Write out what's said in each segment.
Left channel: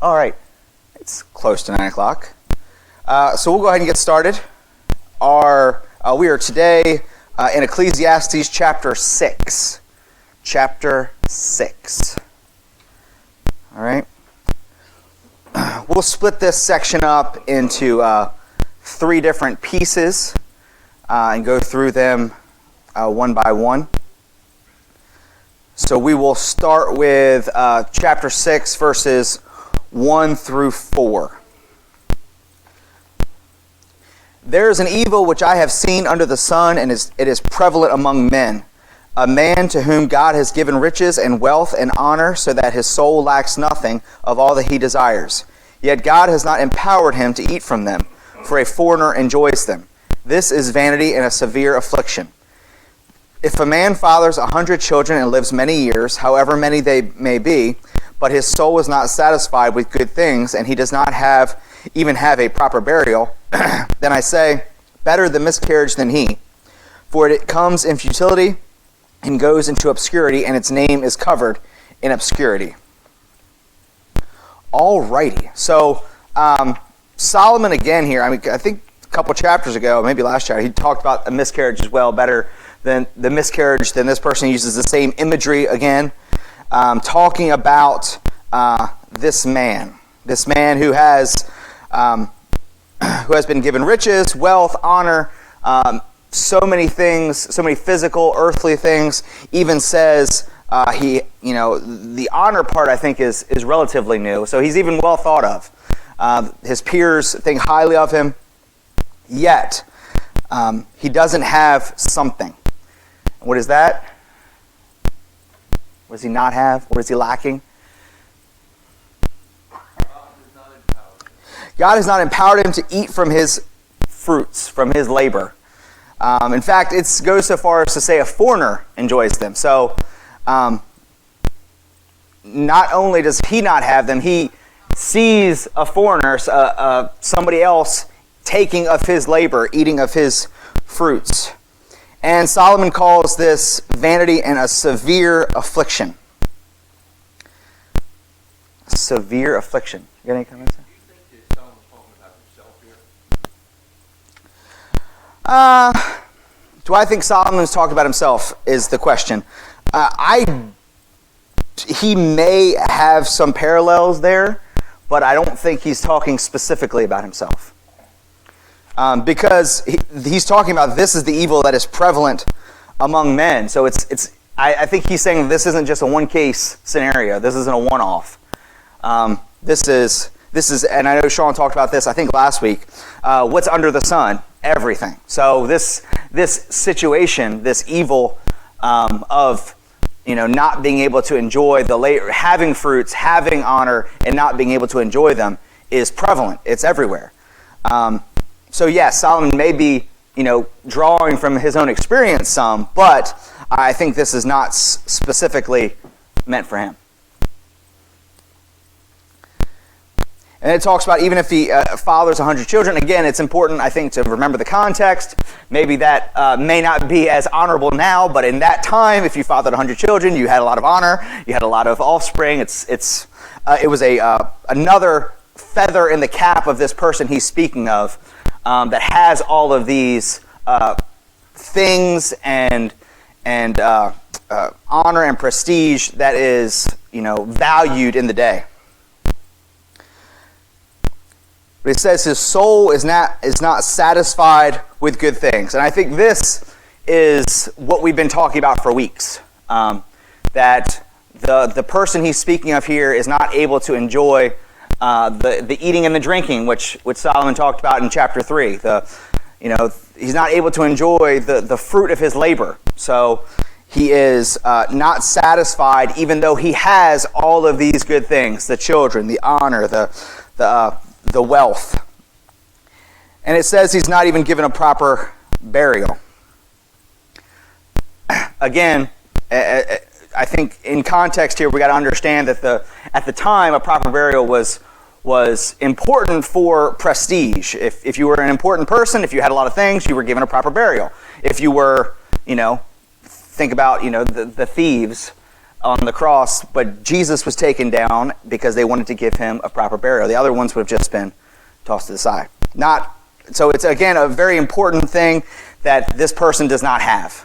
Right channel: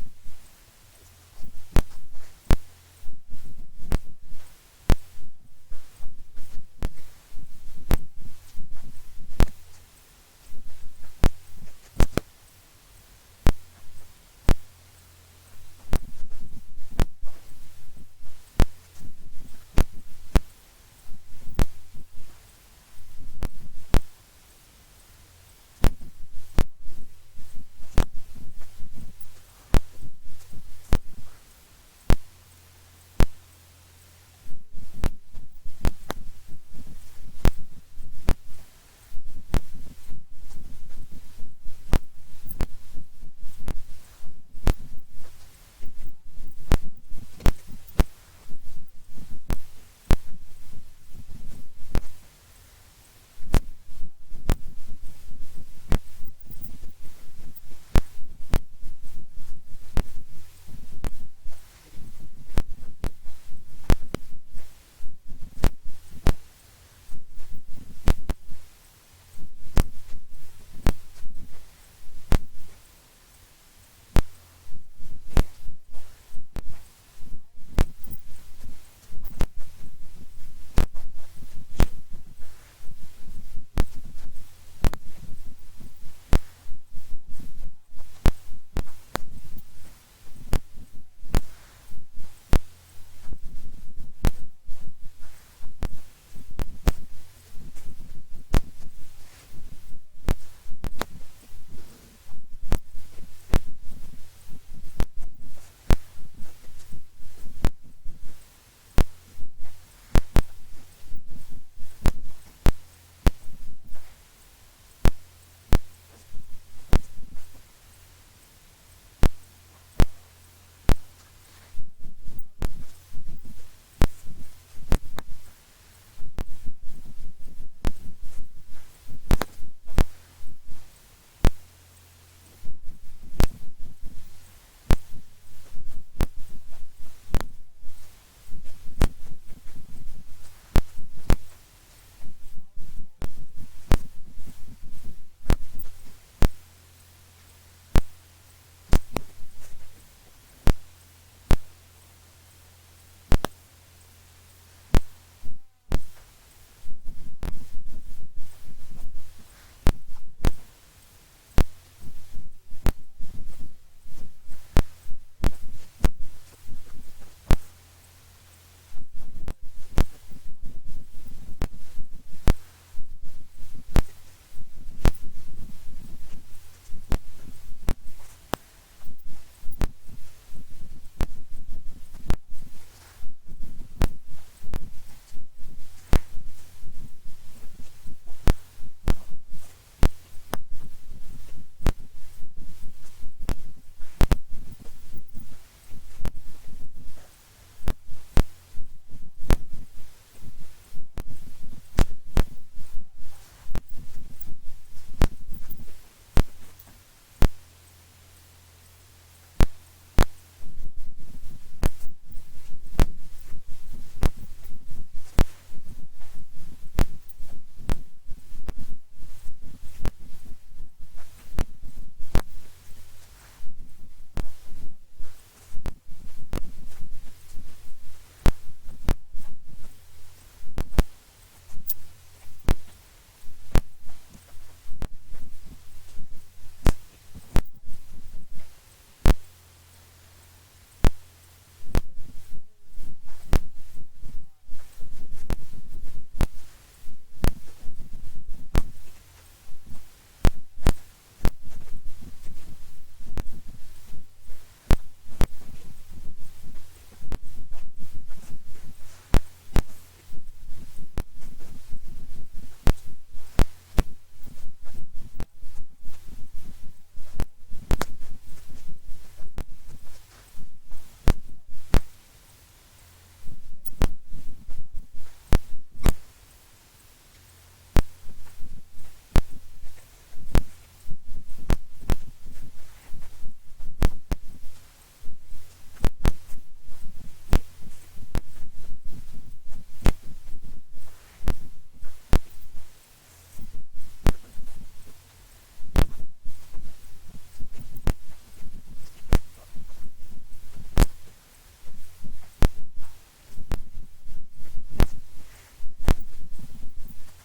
All right, it's close to 9 o'clock. So we'll go ahead and get started. We are today in Ecclesiastes chapter 6. Chapter 6. All right. We'll split this section up into 3 different pieces and go through them one by one. So we will start with chapter 6, verses 1 through 4. There is an evil which I have seen under the sun, and it is prevalent among men. A man to whom God has given riches and wealth and honor, so that his soul lacks nothing of all that he desires. Yet God has not empowered him to eat from them, for a foreigner enjoys them. This is vanity and a severe affliction. If a man fathers 100 children and lives many years, however many they may be, but his soul is not satisfied with good things, and he does not even have a proper burial, then I say, better the miscarriage than he. For it comes in futility and goes into obscurity, and its name is covered in obscurity. Alrighty. So Solomon again here, I think a couple chapters ago, maybe last chapter, he talked about a miscarriage as well, better than the miscarriage. Then this person uses the same imagery again, talking about this man who has been given riches, wealth, honor, so many things, so many physical, earthly things. Even says the honor part I think is relatively new, so he's even well thought of. His peers think highly of him, yet he doesn't have something. What is that? What does he not have? What is he lacking? God has not empowered him to eat from his fruits, from his labor. In fact, it goes so far as to say a foreigner enjoys them. So not only does he not have them, he sees a foreigner, somebody else, taking of his labor, eating of his fruits. And Solomon calls this vanity and a severe affliction. Severe affliction. You got any comments? Do I think Solomon's talking about himself is the question. He may have some parallels there, but I don't think he's talking specifically about himself. Because he's talking about this is the evil that is prevalent among men. So I think he's saying this isn't just a one-case scenario. This isn't a one-off. This is, and I know Sean talked about this, I think last week. What's under the sun? Everything. So this situation, this evil of not being able to enjoy having fruits, having honor, and not being able to enjoy them is prevalent. It's everywhere. So yes, Solomon may be drawing from his own experience some, but I think this is not specifically meant for him. And it talks about even if he fathers 100 children. Again, it's important, I think, to remember the context. Maybe that may not be as honorable now, but in that time, if you fathered 100 children, you had a lot of honor, you had a lot of offspring. It was another feather in the cap of this person he's speaking of that has all of these things and honor and prestige that is valued in the day. But it says his soul is not satisfied with good things. And I think this is what we've been talking about for weeks. That the person he's speaking of here is not able to enjoy the eating and the drinking, which Solomon talked about in chapter 3. He's not able to enjoy the fruit of his labor. So he is not satisfied, even though he has all of these good things: the children, the honor, the wealth. And it says he's not even given a proper burial. Again, I think in context here we got to understand that at the time a proper burial was important for prestige. If you were an important person, if you had a lot of things, you were given a proper burial. If you were, think about the thieves on the cross, but Jesus was taken down because they wanted to give him a proper burial. The other ones would have just been tossed to the side. So it's, again, a very important thing that this person does not have.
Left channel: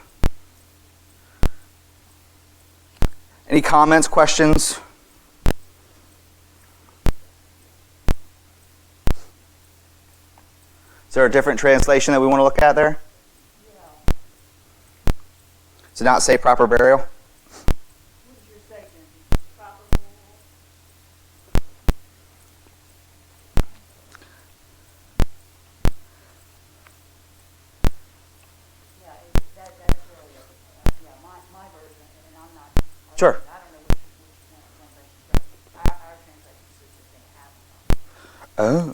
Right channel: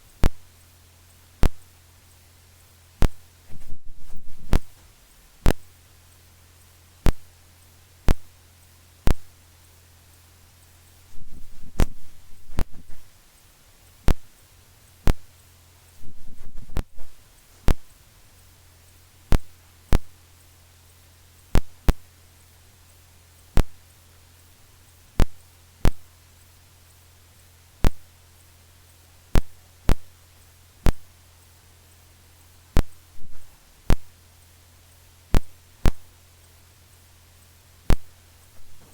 Any comments, questions? Is there a different translation that we want to look at there? Does it not say proper burial? Sure. Oh.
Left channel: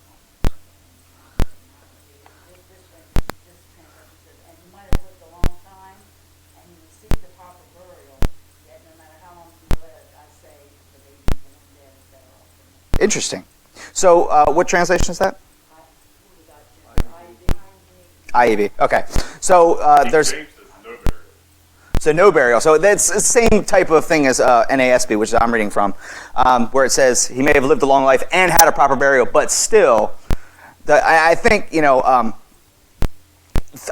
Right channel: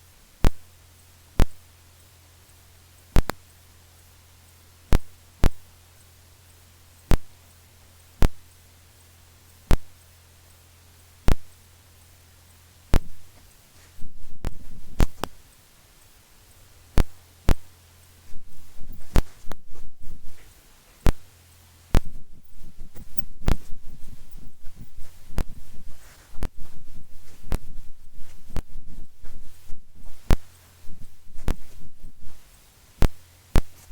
Interesting. So, what translation is that? IEV. Okay. So there's. So no burial. So that's the same type of thing as NASB, which I'm reading from, where it says he may have lived a long life and had a proper burial, but still, I think I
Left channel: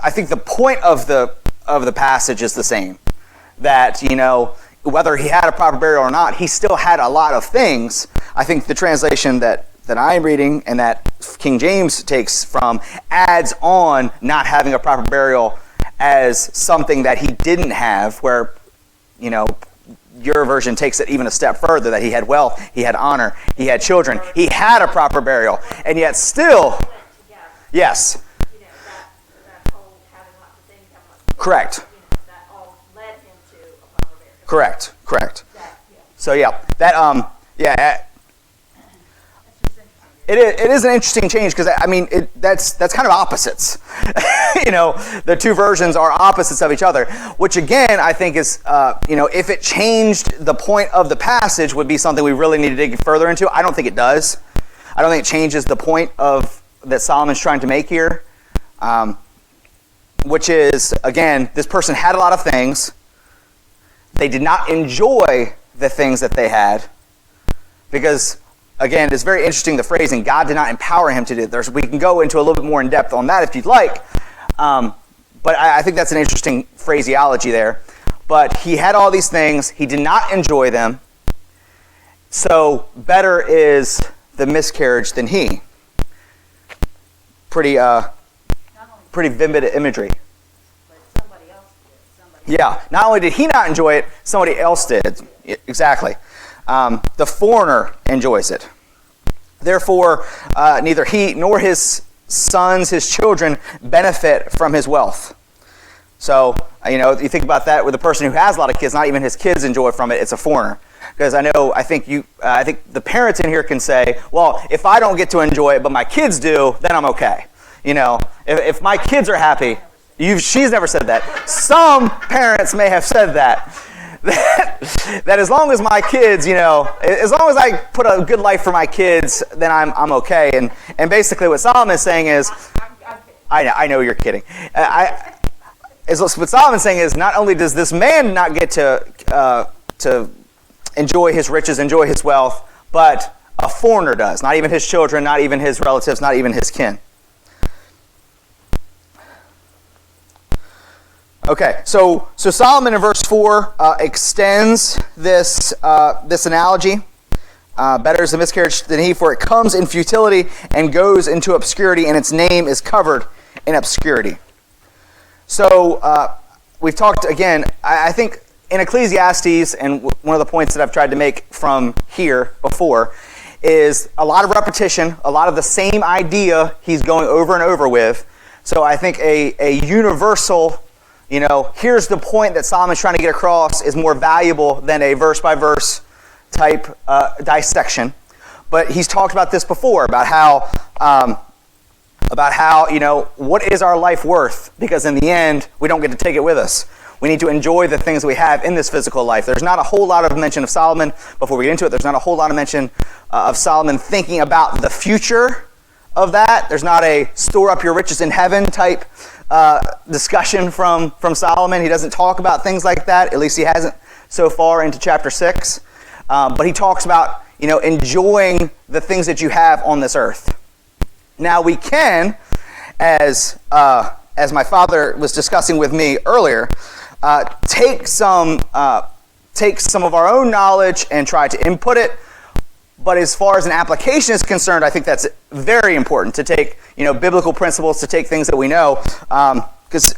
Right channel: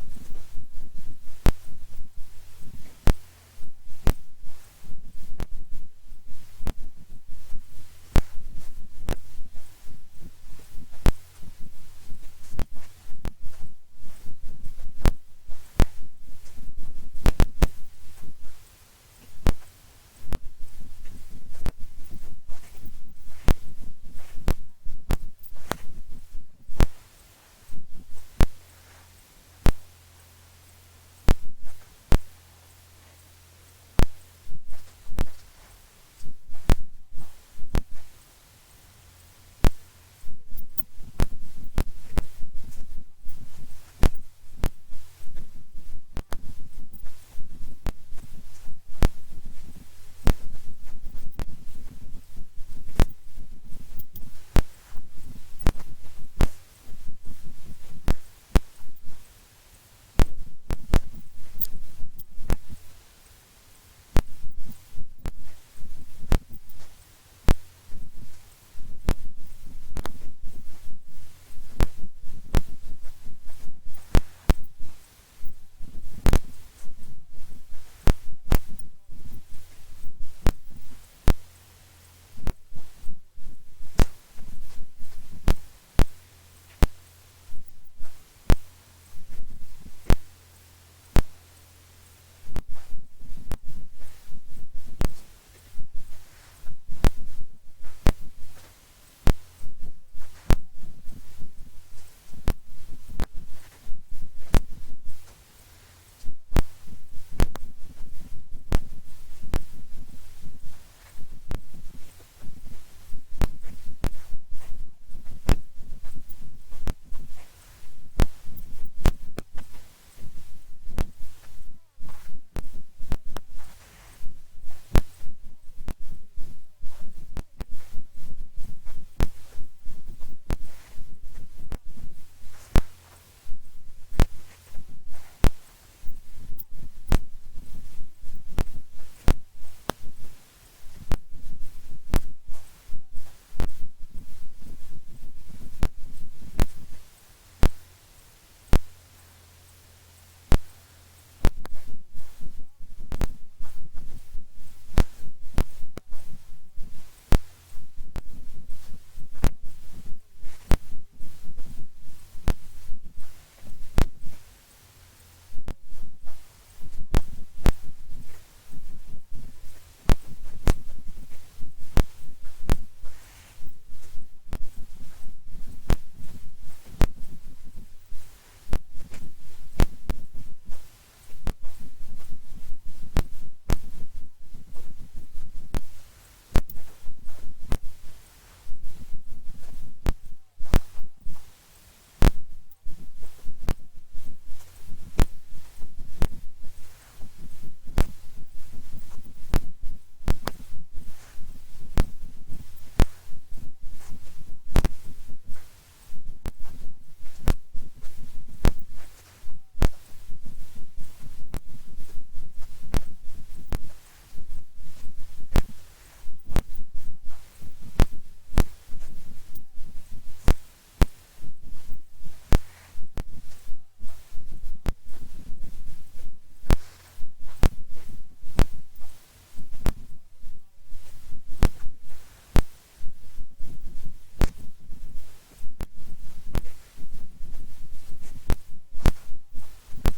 think the point of the passage is the same. That whether he had a proper burial or not, he still had a lot of things. I think the translation that I'm reading and that King James takes from adds on not having a proper burial as something that he didn't have, where, your version takes it even a step further, that he had wealth, he had honor, he had children, he had a proper burial, and yet still, yes. Correct. Correct. So It is an interesting change because that's kind of opposites. The two versions are opposites of each other, which again I think is if it changed the point of the passage would be something we really need to dig further into. I don't think it does. I don't think it changes the point of that Solomon's trying to make here, which is, again, this person had a lot of things. They did not enjoy the things that they had because, again, it's very interesting, the phrasing, God did not empower him to do it. We can go into a little bit more in depth on that if you'd like. But I think that's an interesting phraseology there. But he had all these things. He did not enjoy them. So better is the miscarriage than he. Pretty vivid imagery. Yeah. Not only did he not enjoy it, somebody else did. Exactly. The foreigner enjoys it. Therefore, neither he nor his sons, his children, benefit from his wealth. So, you think about that with a person who has a lot of kids, not even his kids enjoy from it, it's a foreigner. Because I think the parents in here can say, well, if I don't get to enjoy it, but my kids do, then I'm okay. If my kids are happy, she's never said that. Some parents may have said that. That as long as my kids, as long as I put a good life for my kids, then I'm okay. And basically what Solomon is saying is, I know you're kidding. What Solomon's saying is, not only does this man not get to enjoy his riches, enjoy his wealth, but a foreigner does. Not even his children, not even his relatives, not even his kin. Okay, so Solomon in verse 4 extends this analogy. Better is the miscarriage than he, for it comes in futility and goes into obscurity, and its name is covered in obscurity. So we've talked, again, I think in Ecclesiastes, and one of the points that I've tried to make from here before, is a lot of repetition, a lot of the same idea he's going over and over with. So I think a universal, here's the point that Solomon's trying to get across is more valuable than a verse-by-verse type dissection. But he's talked about this before, about how, what is our life worth? Because in the end, we don't get to take it with us. We need to enjoy the things we have in this physical life. There's not a whole lot of mention of Solomon. Before we get into it, there's not a whole lot of mention of Solomon thinking about the future of that. There's not a store up your riches in heaven type discussion from Solomon. He doesn't talk about things like that. At least he hasn't so far into chapter 6. But he talks about, enjoying the things that you have on this earth. Now we can, as my father was discussing with me earlier, take some of our own knowledge and try to input it. But as far as an application is concerned, I think that's very important to take, biblical principles, to take things that we know. Because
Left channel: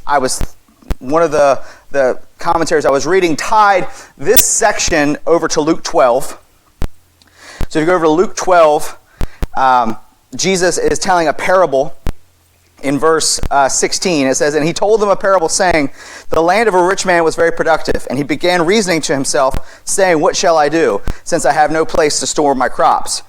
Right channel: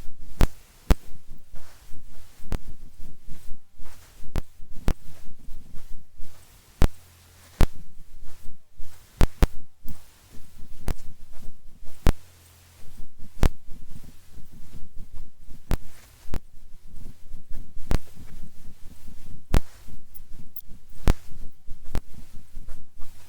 one of the commentaries I was reading tied this section over to Luke 12. So if you go over to Luke 12, Jesus is telling a parable in verse 16. It says, "And he told them a parable, saying, The land of a rich man was very productive, and he began reasoning to himself, saying, What shall I do, since I have no place to store my crops?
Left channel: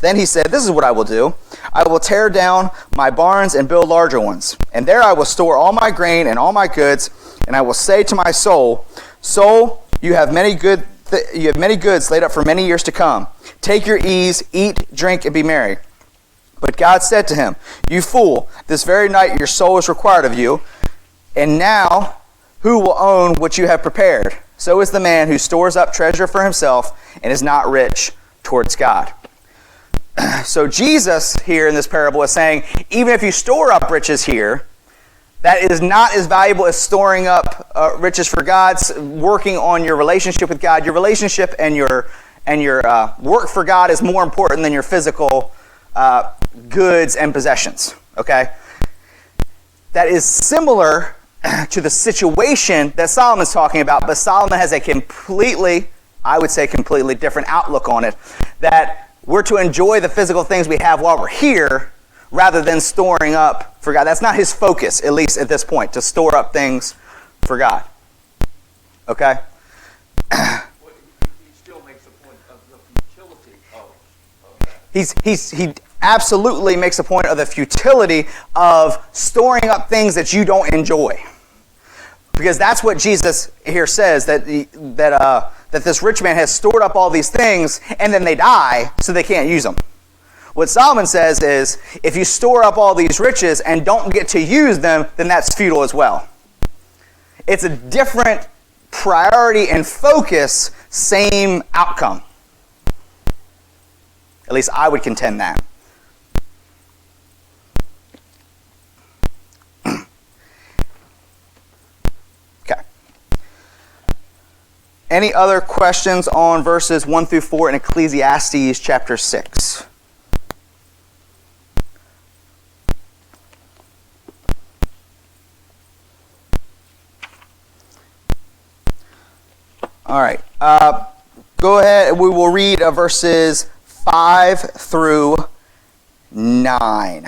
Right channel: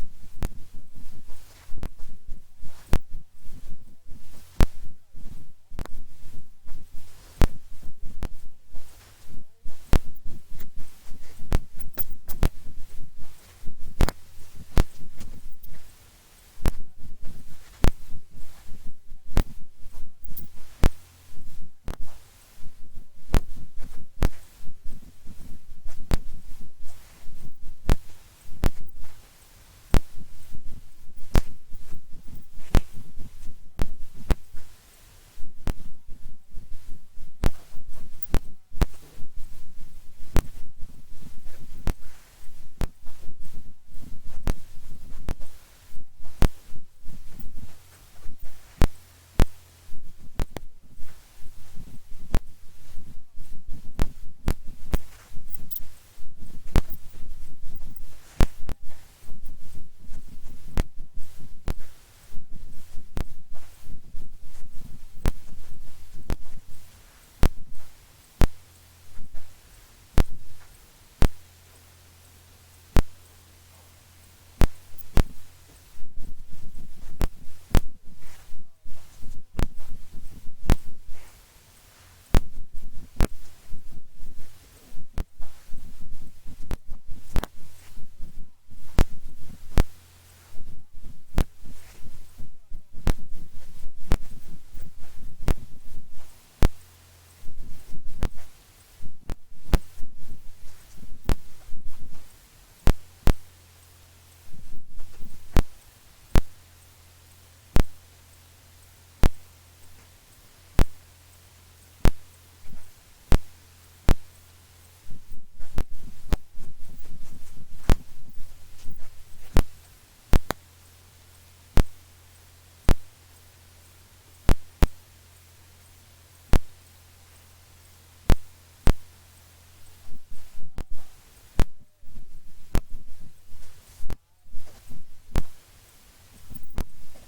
Then he said, This is what I will do. I will tear down my barns and build larger ones, and there I will store all my grain and all my goods, and I will say to my soul, Soul, you have many goods laid up for many years to come. Take your ease, eat, drink, and be merry. But God said to him, You fool, this very night your soul is required of you, and now who will own what you have prepared? So is the man who stores up treasure for himself and is not rich towards God." So Jesus here in this parable is saying, even if you store up riches here, that is not as valuable as storing up riches for God, working on your relationship with God. Your relationship and your work for God is more important than your physical goods and possessions, okay? That is similar to the situation that Solomon's talking about, but Solomon has a completely different outlook on it, that we're to enjoy the physical things we have while we're here rather than storing up for God. That's not his focus, at least at this point, to store up things for God, okay? He still makes a point of the futility of that. He absolutely makes a point of the futility of storing up things that you don't enjoy. Because that's what Jesus here says, that this rich man has stored up all these things and then they die so they can't use them. What Solomon says is, if you store up all these riches and don't get to use them, then that's futile as well. It's a different priority and focus, same outcome. At least I would contend that. Okay. Any other questions on verses 1 through 4 in Ecclesiastes chapter 6? All right. Go ahead. We will read verses 5 through 9.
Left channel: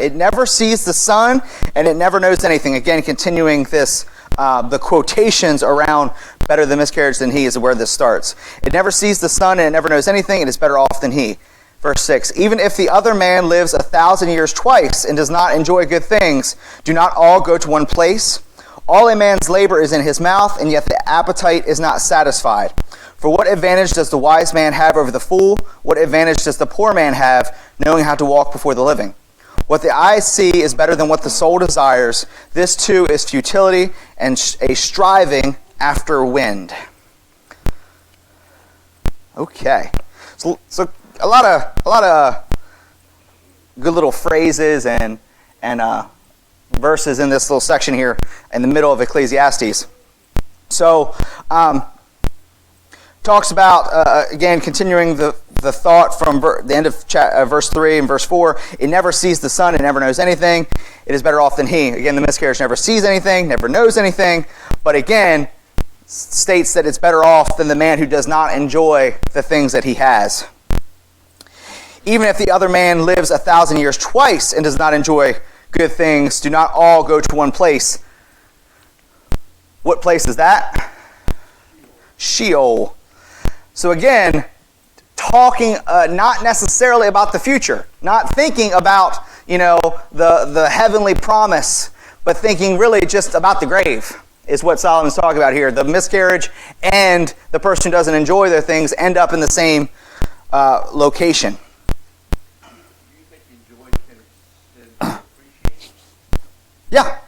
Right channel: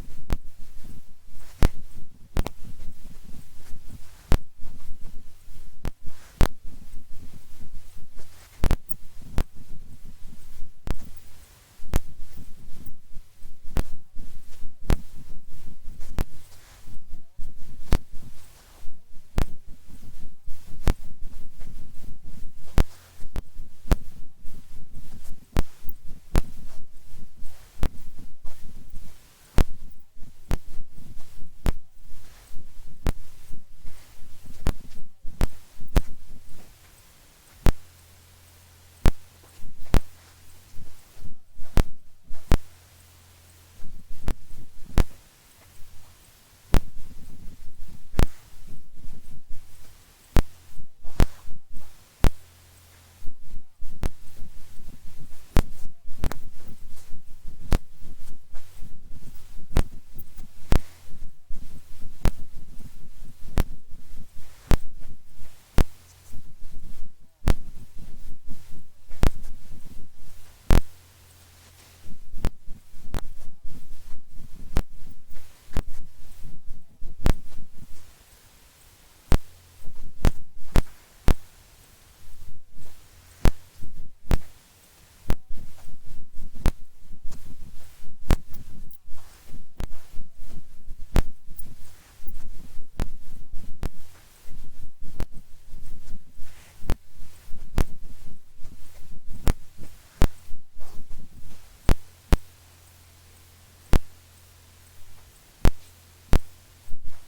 It never sees the sun, and it never knows anything. Again, continuing this, the quotations around better the miscarriage than he is where this starts. It never sees the sun, and it never knows anything. It is better off than he. Verse 6, even if the other man lives 1,000 years twice and does not enjoy good things, do not all go to one place? All a man's labor is in his mouth, and yet the appetite is not satisfied. For what advantage does the wise man have over the fool? What advantage does the poor man have, knowing how to walk before the living? What the eye see is better than what the soul desires. This too is futility and a striving after wind. Okay, so a lot of good little phrases and verses in this little section here in the middle of Ecclesiastes. So, talks about, again, continuing the thought from the end of verse 3 and verse 4. It never sees the sun, it never knows anything. It is better off than he. Again, the miscarriage never sees anything, never knows anything, but again, states that it's better off than the man who does not enjoy the things that he has. Even if the other man lives 1,000 years twice and does not enjoy good things, do not all go to one place. What place is that? Sheol. So again, talking not necessarily about the future, not thinking about, the heavenly promise, but thinking really just about the grave is what Solomon's talking about here. The miscarriage and the person who doesn't enjoy their things end up in the same location. Yeah.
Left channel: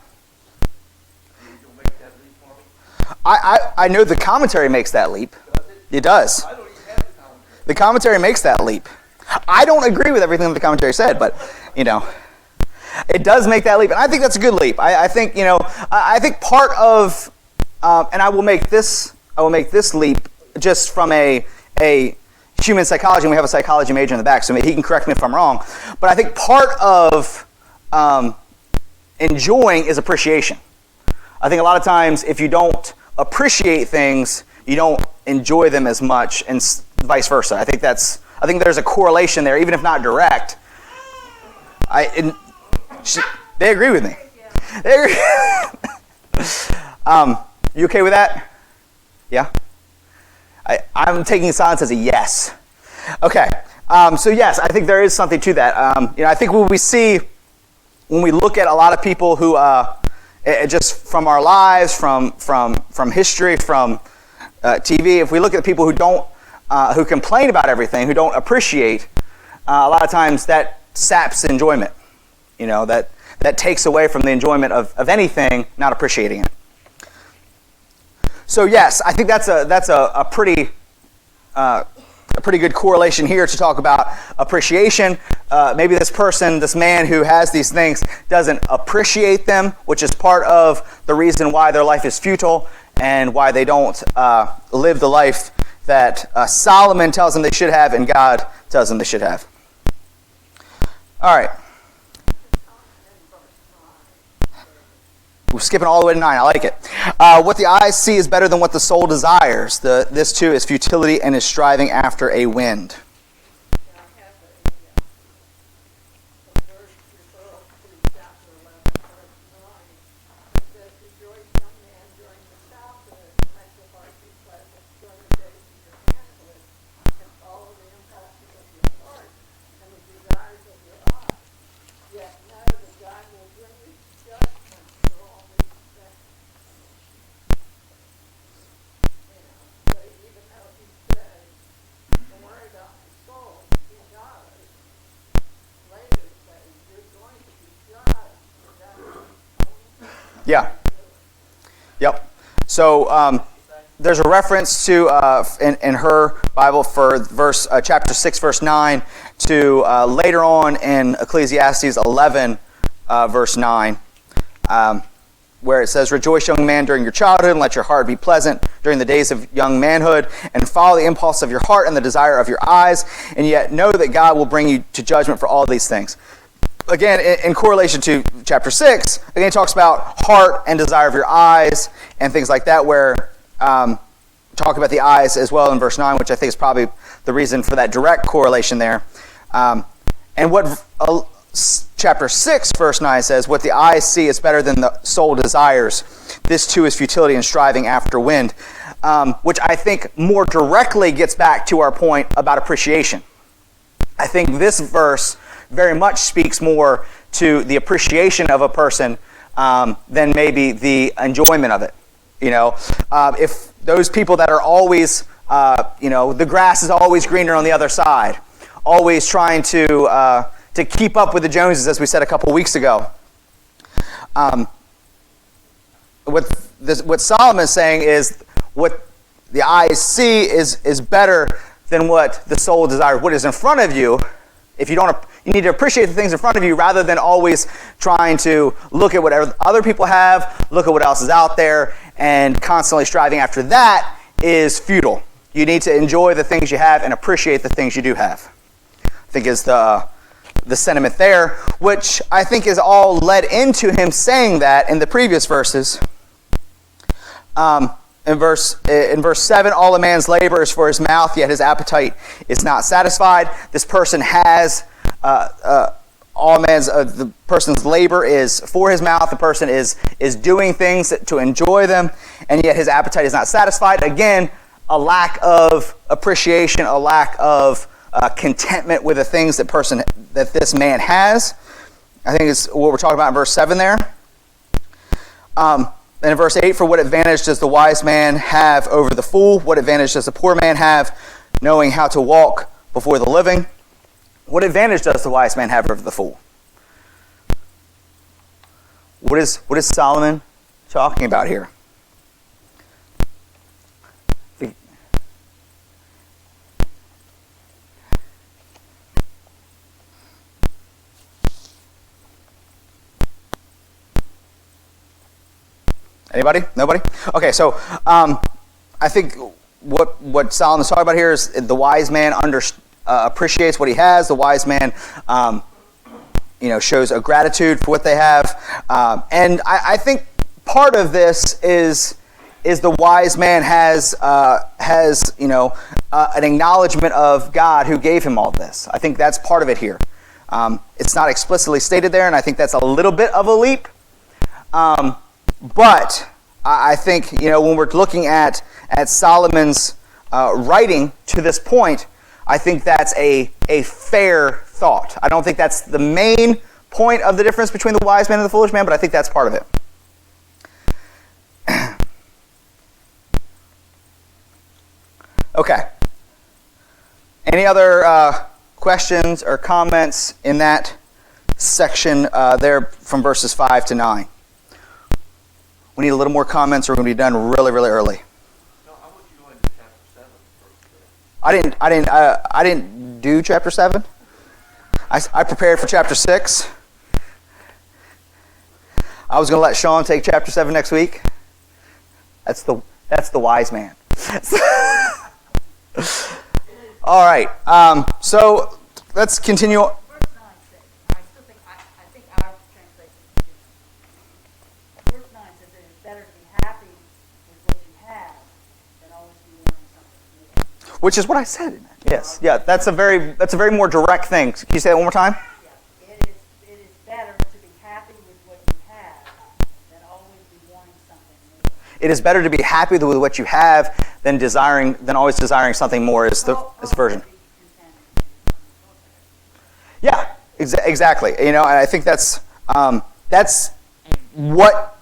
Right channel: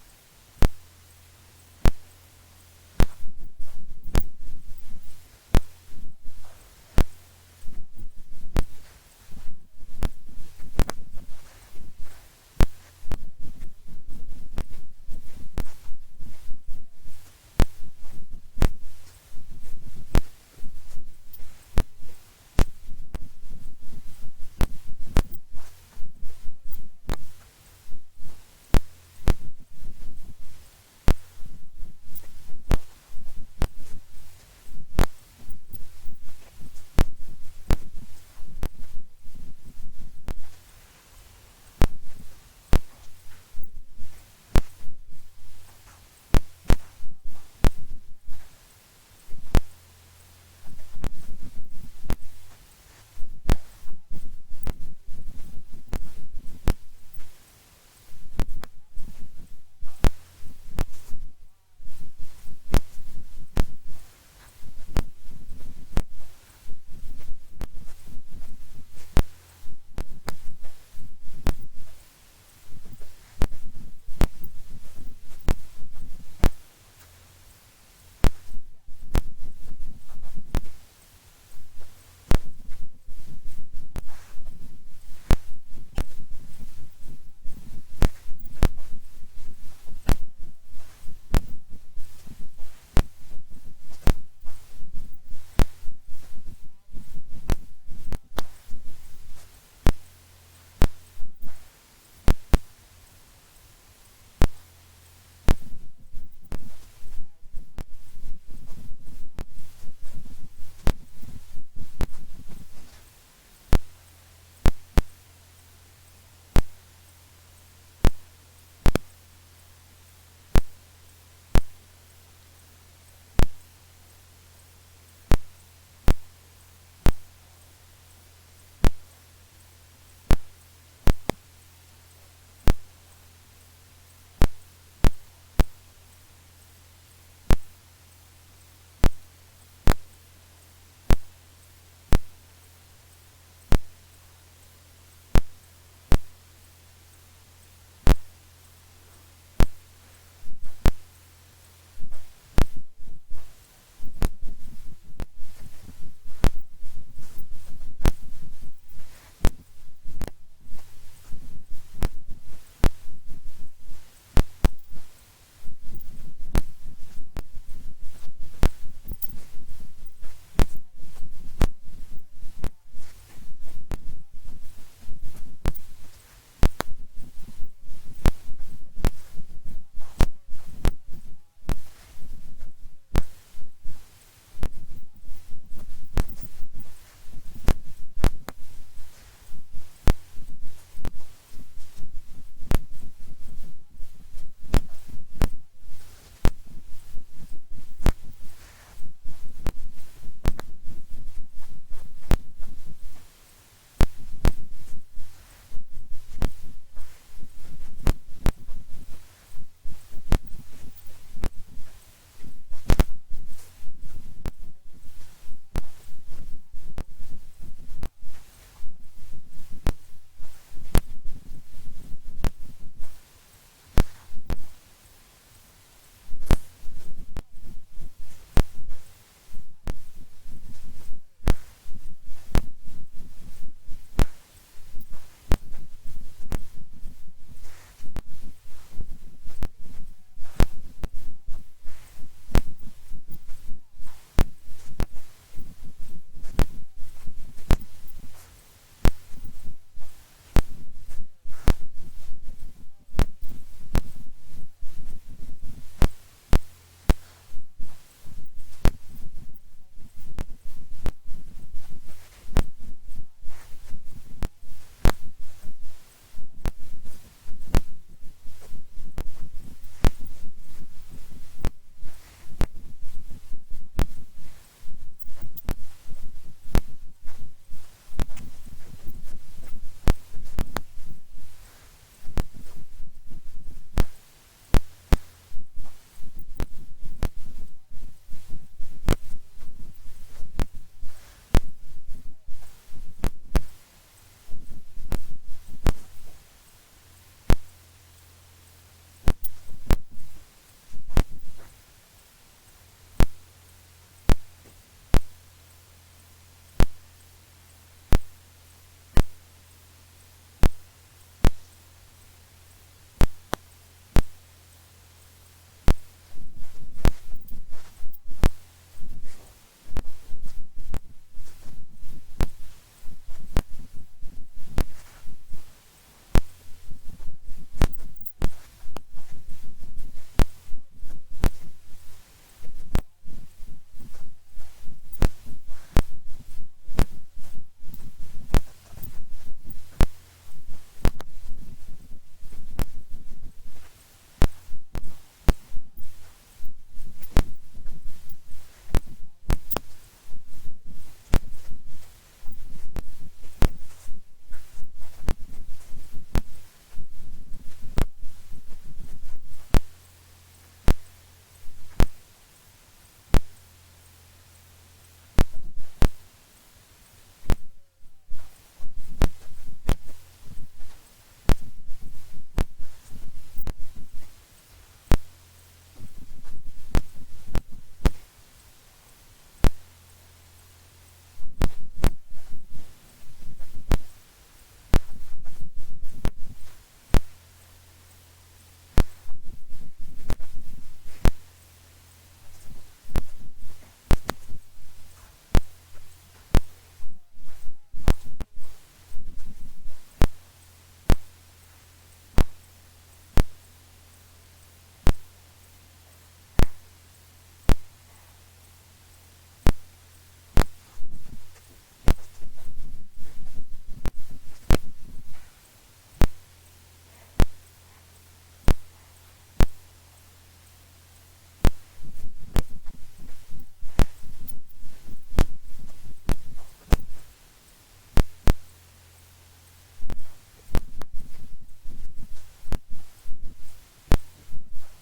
I know the commentary makes that leap. It does. I don't even have the commentary. The commentary makes that leap. I don't agree with everything that the commentary said, but, it does make that leap. And I think that's a good leap. I think, I think part of, and I will make this leap just from a human psychology, and we have a psychology major in the back, so he can correct me if I'm wrong. But I think part of enjoying is appreciation. I think a lot of times if you don't appreciate things, you don't enjoy them as much, and vice versa. I think there's a correlation there, even if not direct. They agree with me. They agree. You okay with that? Yeah? I'm taking silence as a yes. Okay. So yes, I think there is something to that. I think what we see when we look at a lot of people who, just from our lives, from history, from TV, if we look at people who complain about everything, who don't appreciate, a lot of times that saps enjoyment. That takes away from the enjoyment of anything, not appreciating it. So yes, I think that's a pretty good correlation here to talk about appreciation. Maybe this man who has these things doesn't appreciate them, which is part of the reason why their life is futile and why they don't live the life that Solomon tells them they should have and God tells them they should have. All right. We're skipping all the way to 9. I like it. What the eyes see is better than what the soul desires. This too is futility and is striving after a wind. Yeah. Yep. So there's a reference to in her Bible for chapter 6, verse 9, to later on in Ecclesiastes 11, verse 9, where it says, "Rejoice, young man, during your childhood, and let your heart be pleasant during the days of young manhood, and follow the impulse of your heart and the desire of your eyes, and yet know that God will bring you to judgment for all these things." Again, in correlation to chapter 6, again, it talks about heart and desire of your eyes and things like that, where talk about the eyes as well in verse 9, which I think is probably the reason for that direct correlation there. And what chapter 6, verse 9 says, what the eyes see is better than the soul desires. This too is futility and striving after wind, which I think more directly gets back to our point about appreciation. I think this verse very much speaks more to the appreciation of a person than maybe the enjoyment of it. If those people that are always, the grass is always greener on the other side, always trying to keep up with the Joneses, as we said a couple weeks ago. What Solomon is saying is what the eyes see is better than what the soul desires. What is in front of you, you need to appreciate the things in front of you rather than always trying to look at what other people have, look at what else is out there, and constantly striving after that is futile. You need to enjoy the things you have and appreciate the things you do have, I think is the sentiment there, which I think is all led into him saying that in the previous verses. In verse 7, all a man's labor is for his mouth, yet his appetite is not satisfied. This person has the person's labor is for his mouth. The person is doing things to enjoy them, and yet his appetite is not satisfied. Again, a lack of appreciation, a lack of contentment with the things that this man has. I think is what we're talking about in verse 7 there. And in verse 8, for what advantage does the wise man have over the fool? What advantage does the poor man have, knowing how to walk before the living? What advantage does the wise man have over the fool? What is Solomon talking about here? Anybody? Nobody? Okay, so I think what Solomon's talking about here is the wise man appreciates what he has. The wise man, shows a gratitude for what they have. And I think part of this is the wise man has an acknowledgement of God who gave him all this. I think that's part of it here. It's not explicitly stated there, and I think that's a little bit of a leap. But I think, when we're looking at Solomon's writing to this point, I think that's a fair thought. I don't think that's the main point of the difference between the wise man and the foolish man, but I think that's part of it. Okay. Any other questions or comments in that section there from verses 5 to 9? We need a little more comments or we're going to be done really, really early. No, I want you going to chapter 7 first. I didn't do chapter 7. I prepared for chapter 6. I was going to let Sean take chapter 7 next week. That's the wise man. All right. So let's continue. Which is what I said. Yes. Yeah. That's a very more direct thing. Can you say that one more time? Yeah. It is better to be happy with what you have than always be wanting something more. It is better to be happy with what you have than always desiring something more. Is the version. Yeah. Exactly. And I think that's what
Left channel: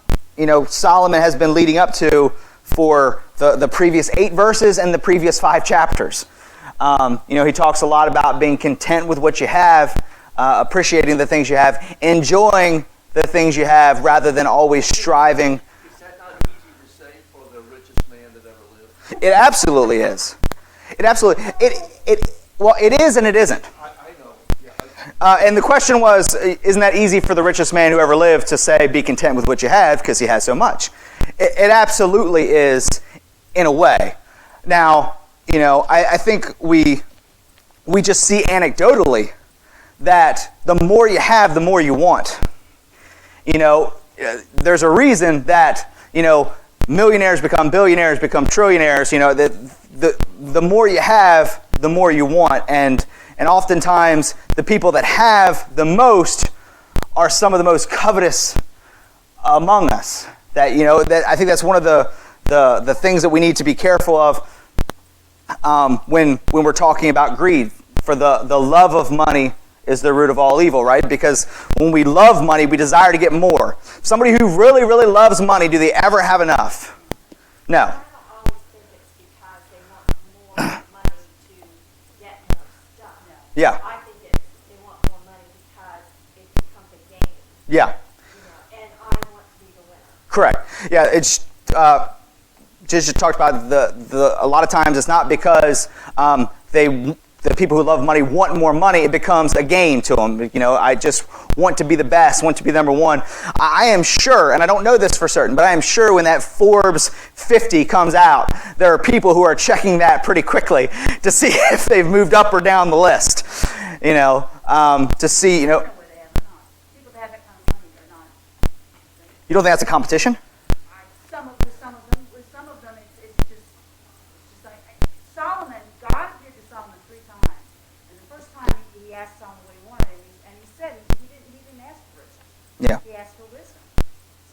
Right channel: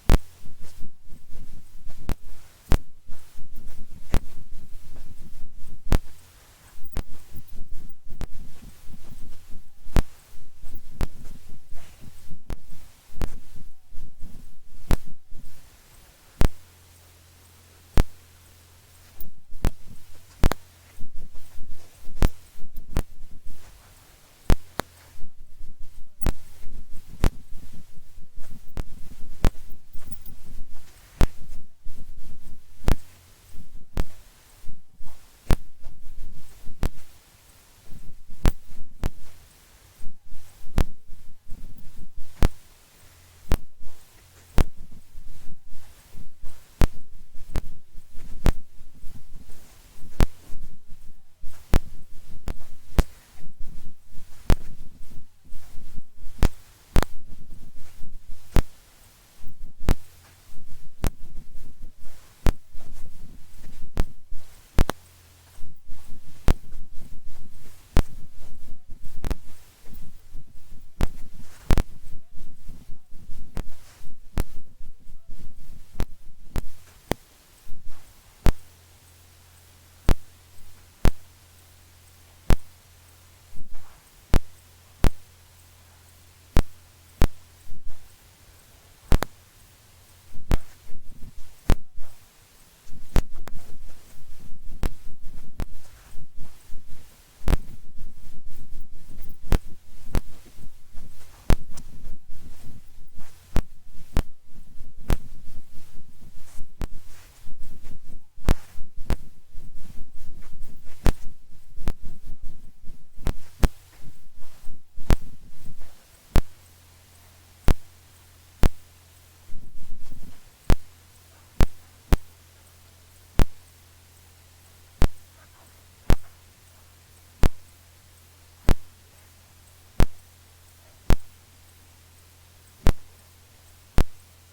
Solomon has been leading up to for the previous 8 verses and the previous 5 chapters. He talks a lot about being content with what you have, appreciating the things you have, enjoying the things you have rather than always striving. Is that not easy to say for the richest man that ever lived? It absolutely is. It is and it isn't. I know. Yeah. And the question was, isn't that easy for the richest man who ever lived to say, be content with what you have because he has so much? It absolutely is, in a way. Now, I think we just see anecdotally that the more you have, the more you want. There's a reason that, millionaires become billionaires, become trillionaires. The more you have, the more you want. And oftentimes, the people that have the most are some of the most covetous among us. That I think that's one of the things that we need to be careful of when we're talking about greed. For the love of money is the root of all evil, right? Because when we love money, we desire to get more. Somebody who really, really loves money, do they ever have enough? No. I don't always think it's because they want more money to get more stuff. No. Yeah. I think they want more money because it becomes a game. Yeah. And I want to be the winner. Correct. Yeah. It's just talked about a lot of times it's not because the people who love money want more money. It becomes a game to them. I just want to be the best, want to be number one. I am sure, and I don't know this for certain, but I am sure when that Forbes 50 comes out, there are people who are checking that pretty quickly to see if they've moved up or down the list. To see, People that have that kind of money, they're not. You don't think that's a competition? Some of them, it's just like Solomon. God did to Solomon 3 times. And the first time he asked Solomon what he wanted, and he said he didn't ask for wisdom. Yeah. He asked for wisdom.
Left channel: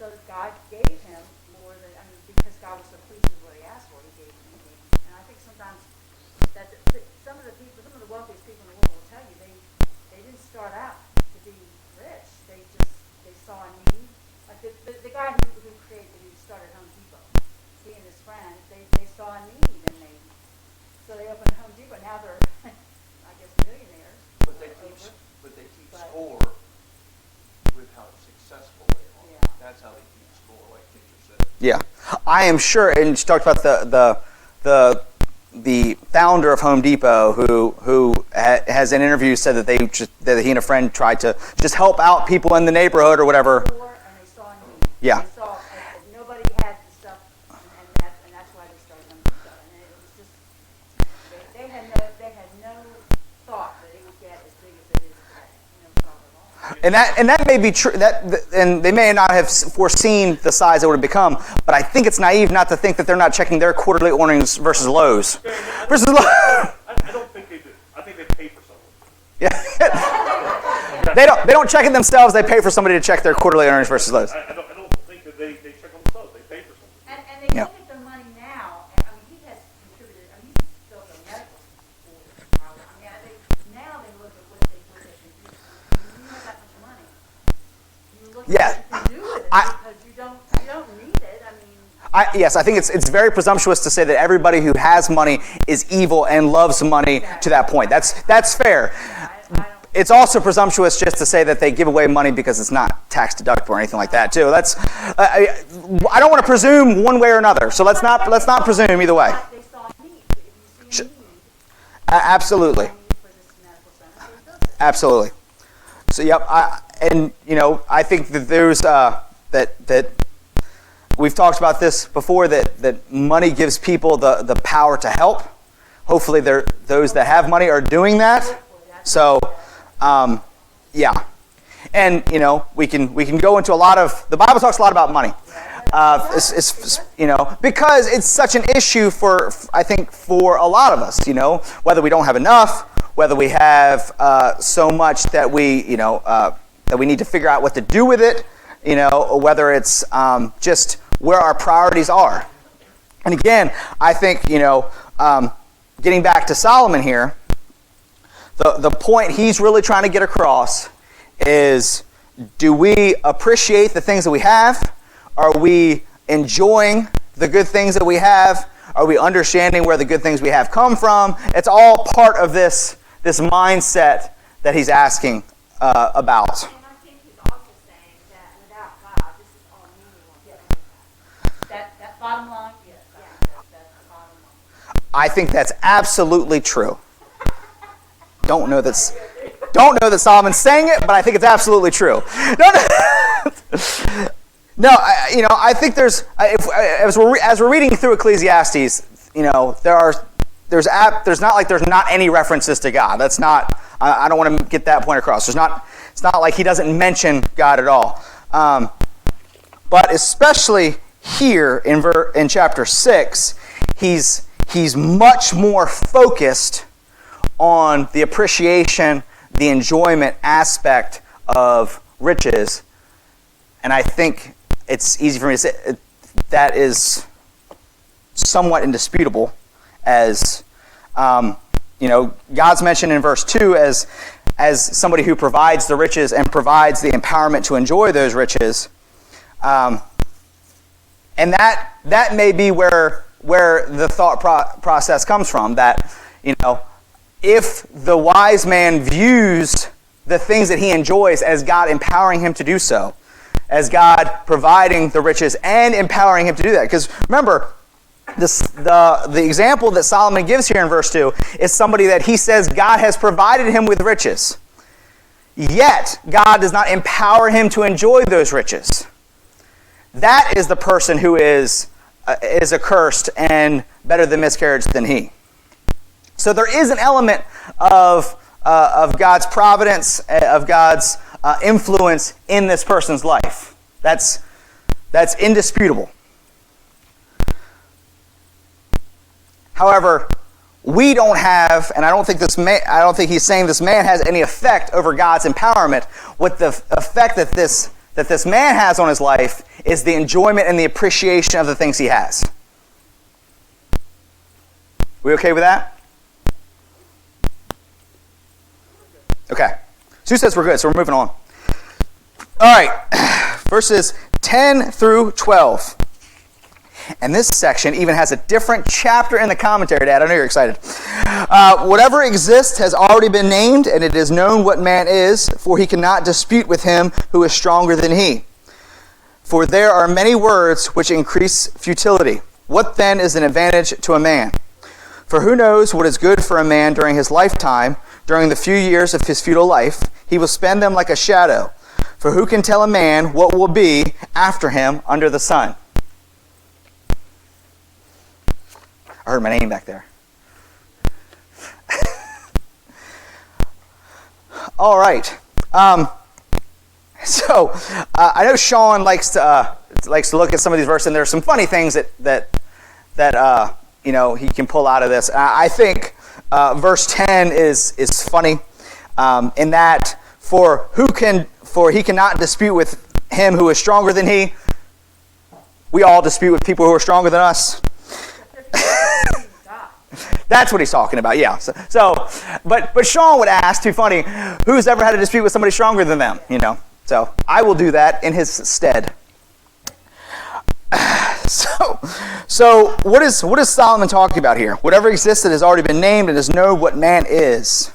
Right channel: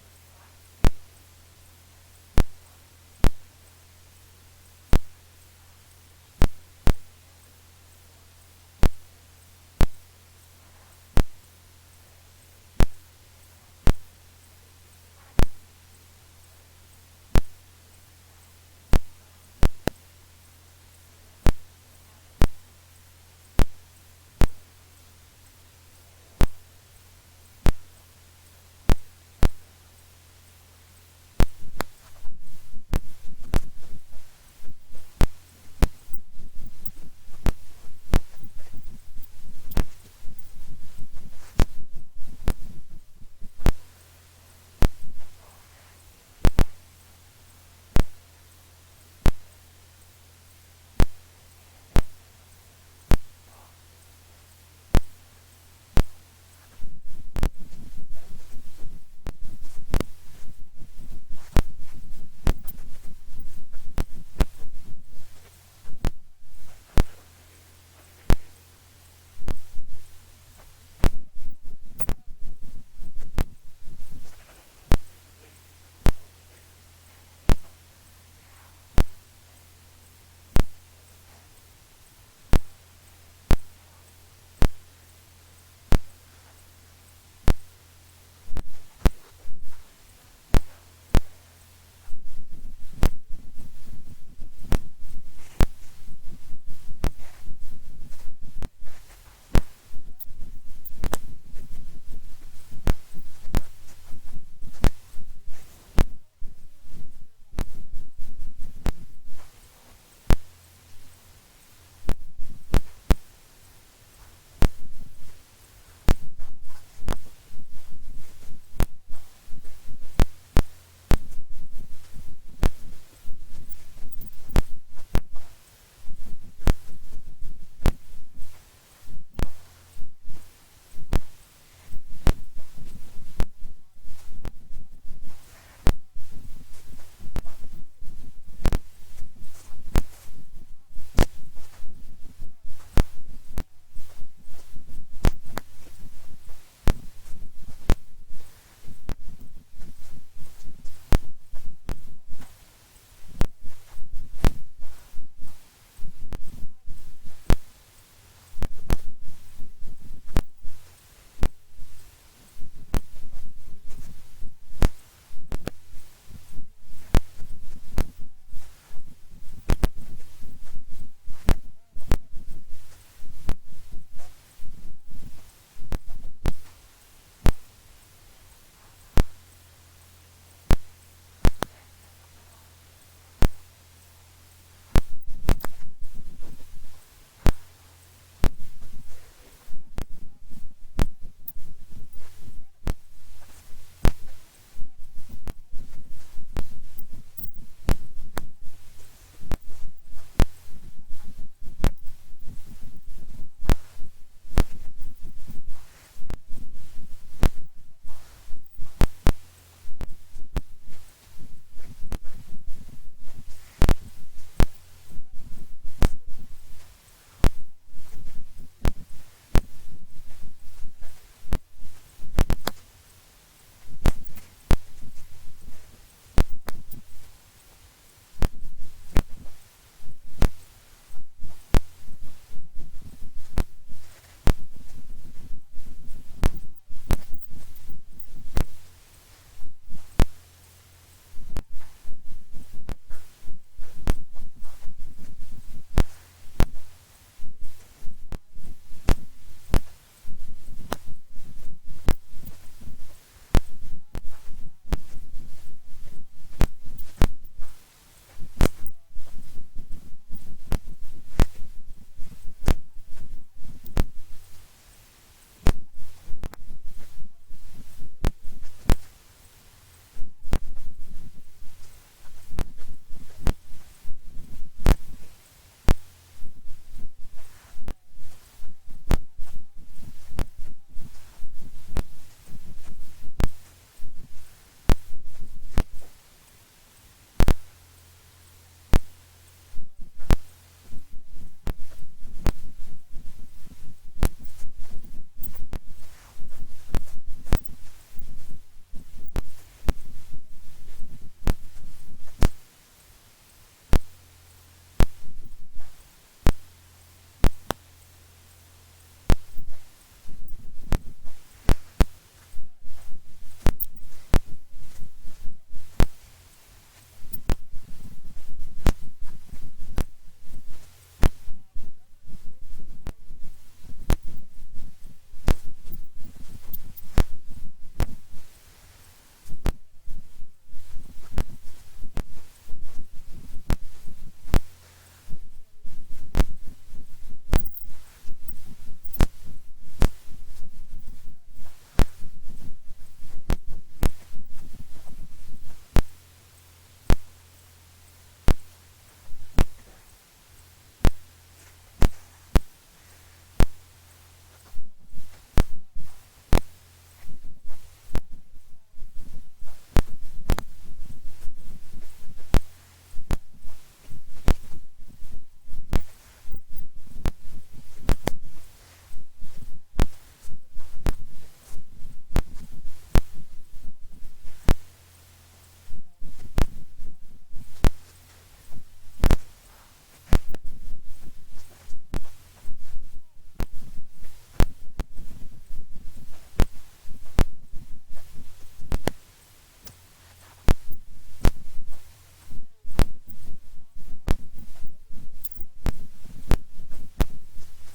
So God gave him more than because God was so pleased with what he asked for, he gave him. And I think sometimes that some of the wealthiest people in the world will tell you they didn't start out to be rich. They saw a need. Like the guy who created, who started Home Depot, he and his friends, they saw a need and so they opened Home Depot. Now they're, I guess, millionaires. But they keep score with how successful they are. Yeah. That's how they keep score, like people said. Yeah. I am sure, and she talked about the founder of Home Depot who has in interviews said that he and a friend tried to just help out people in the neighborhood or whatever. And they saw a need. Yeah. They saw nobody had And that may be true. And they may not have foreseen the size it would have become. But I think it's naive not to think that they're not checking their quarterly earnings versus Lowe's. I don't think they do. I think they pay for someone. Yeah. They don't check it themselves. They pay for somebody to check their quarterly earnings versus Lowe's. I don't think that they check on themselves. They pay for someone. And they look at the money now, and I mean, he has contributed, I mean, he's built a medical school. I mean, now they look at what they do. You know that much money. You look Yeah. at what you do with it because you don't need it. I mean, Yes, I think it's very presumptuous to say that everybody who has money is evil and loves money to that point. That's fair. I don't. It's also presumptuous just to say that they give away money because it's not tax deductible or anything like that too. I don't want to presume one way or another. So let's not presume either way. They saw needs. If you see needs, Absolutely, for this medical center, so it does it. absolutely. So yep, I think that there's that we've talked about this before, that money gives people the power to help. Hopefully, those that have money are doing that. So, yeah, and we can go into a lot of the Bible talks a lot about money. Because it's such an issue I think for a lot of us. Whether we don't have enough, whether we have so much that we need to figure out what to do with it. Or whether it's just where our priorities are. And again, I think, getting back to Solomon here, the point he's really trying to get across is, do we appreciate the things that we have? Are we enjoying the good things that we have? Are we understanding where the good things we have come from? It's all part of this mindset that he's asking about. And I think he's also saying that without God, this is all meaningless. That bottom line, yes, that's the bottom line. I think that's absolutely true. Don't know that Solomon's saying it, but I think it's absolutely true. No, I think there's as we're reading through Ecclesiastes, there's not like there's not any references to God. That's not. I don't want to get that point across. It's not like he doesn't mention God at all. But especially here in chapter 6, he's much more focused on the appreciation, the enjoyment aspect of riches. And I think it's easy for me to say that is somewhat indisputable, as God's mentioned in verse 2 as somebody who provides the riches and provides the empowerment to enjoy those riches. And that may be where the thought process comes from, that, if the wise man views the things that he enjoys as God empowering him to do so, as God providing the riches and empowering him to do that. Because remember, the example that Solomon gives here in verse 2 is somebody that he says God has provided him with riches. Yet, God does not empower him to enjoy those riches. That is the person who is accursed and better than miscarriage than he. So there is an element of God's providence, of God's influence in this person's life. That's indisputable. However, we don't have, and I don't think he's saying this man has any effect over God's empowerment. What the effect that this man has on his life is the enjoyment and the appreciation of the things he has. We okay with that? Okay. Sue says we're good, so we're moving on. All right. Verses 10 through 12. And this section even has a different chapter in the commentary, Dad. I know you're excited. Whatever exists has already been named, and it is known what man is, for he cannot dispute with him who is stronger than he. For there are many words which increase futility. What then is an advantage to a man? For who knows what is good for a man during his lifetime, during the few years of his futile life? He will spend them like a shadow. For who can tell a man what will be after him under the sun? I heard my name back there. All right. So I know Sean likes to look at some of these verses, and there's some funny things that he can pull out of this. I think verse 10 is funny in that for he cannot dispute with him who is stronger than he. We all dispute with people who are stronger than us. That's what he's talking about, yeah. But Sean would ask, too funny, who's ever had a dispute with somebody stronger than them, So I will do that in his stead. So what is Solomon talking about here? Whatever existed has already been named and is known what man is.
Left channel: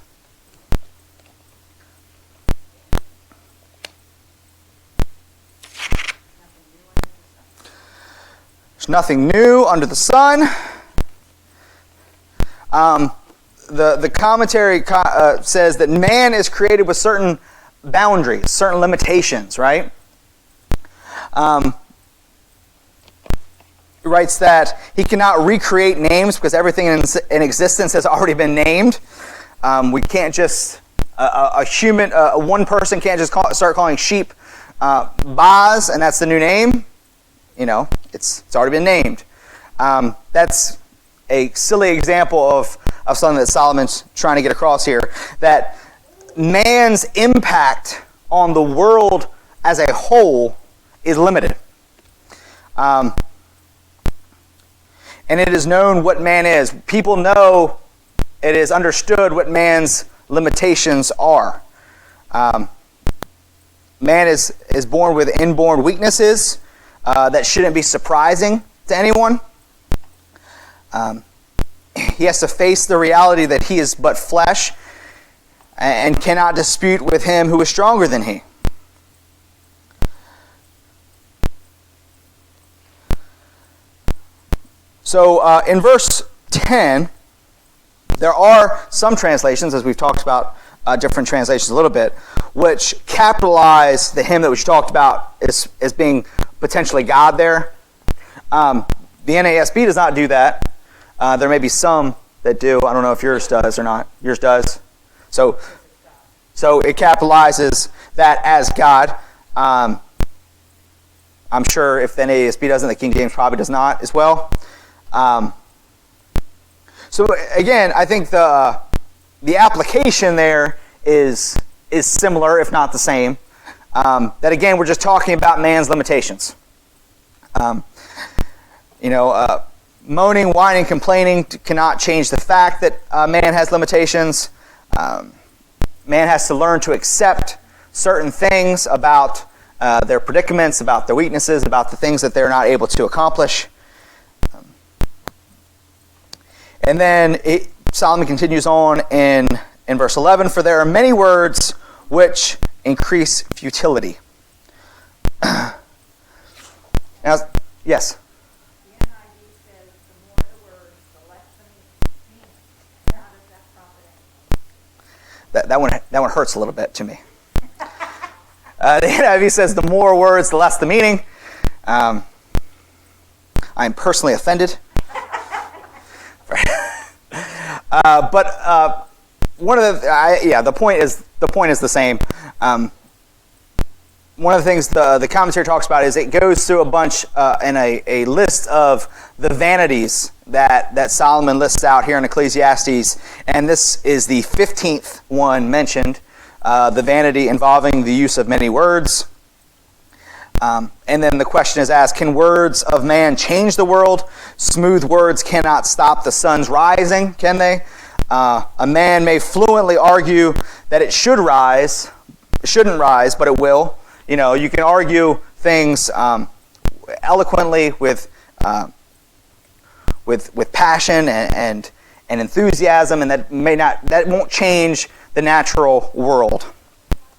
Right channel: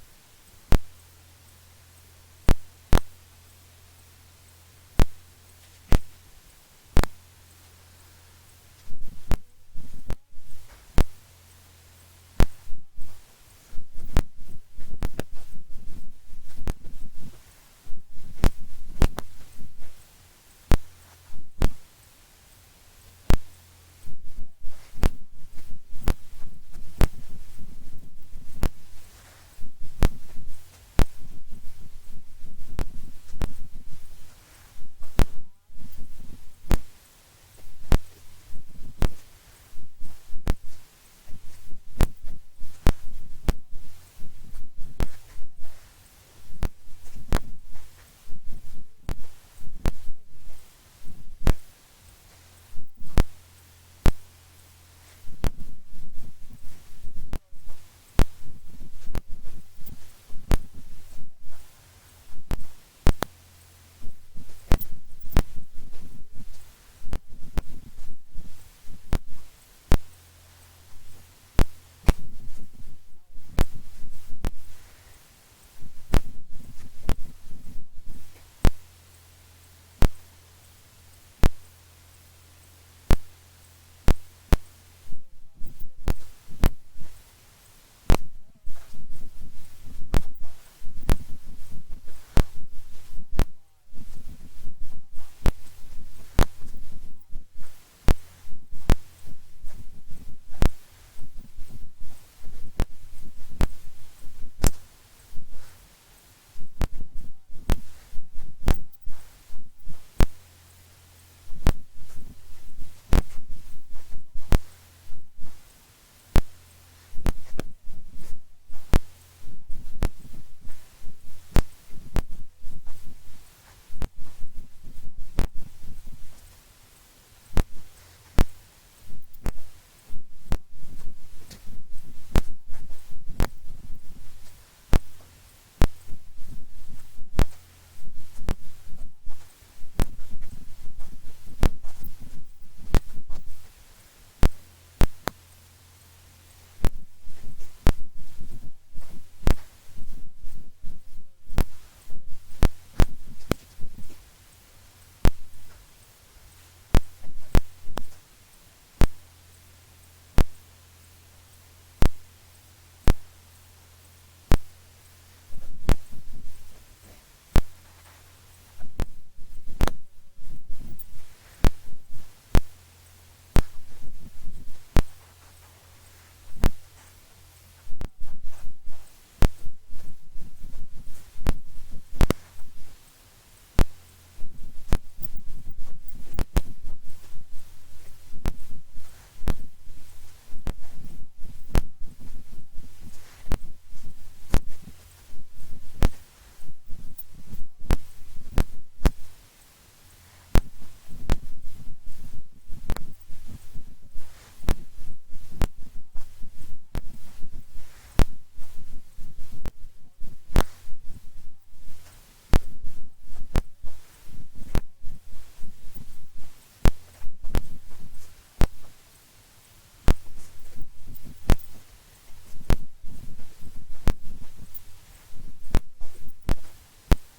There's nothing new under the sun. The commentary says that man is created with certain boundaries, certain limitations, right? He writes that he cannot recreate names because everything in existence has already been named. We can't just, one person can't just start calling sheep Boz, and that's the new name. It's already been named. That's a silly example of something that Solomon's trying to get across here, that man's impact on the world as a whole is limited. And it is known what man is. People know, it is understood what man's limitations are. Man is born with inborn weaknesses that shouldn't be surprising to anyone. He has to face the reality that he is but flesh and cannot dispute with him who is stronger than he. So in verse 10, there are some translations, as we've talked about different translations a little bit, which capitalize the him that we talked about as being potentially God there. The NASB does not do that. There may be some that do. I don't know if yours does or not. Yours does. So it capitalizes that as God. I'm sure if the NASB doesn't, the King James probably does not as well. So again, I think the application there is similar, if not the same. That again, we're just talking about man's limitations. Moaning, whining, complaining cannot change the fact that man has limitations. Man has to learn to accept certain things about their predicaments, about their weaknesses, about the things that they're not able to accomplish. And then Solomon continues on in verse 11, for there are many words which increase futility. Now, yes? That one hurts a little bit to me. The NIV says the more words, the less the meaning. I am personally offended. But one of the point is the same. One of the things the commentary talks about is it goes through a bunch in a list of the vanities that Solomon lists out here in Ecclesiastes, and this is the 15th one mentioned, the vanity involving the use of many words. And then the question is asked, can words of man change the world? Smooth words cannot stop the sun's rising, can they? A man may fluently argue that it shouldn't rise, but it will. You can argue things eloquently with passion and enthusiasm, and that won't change the natural world,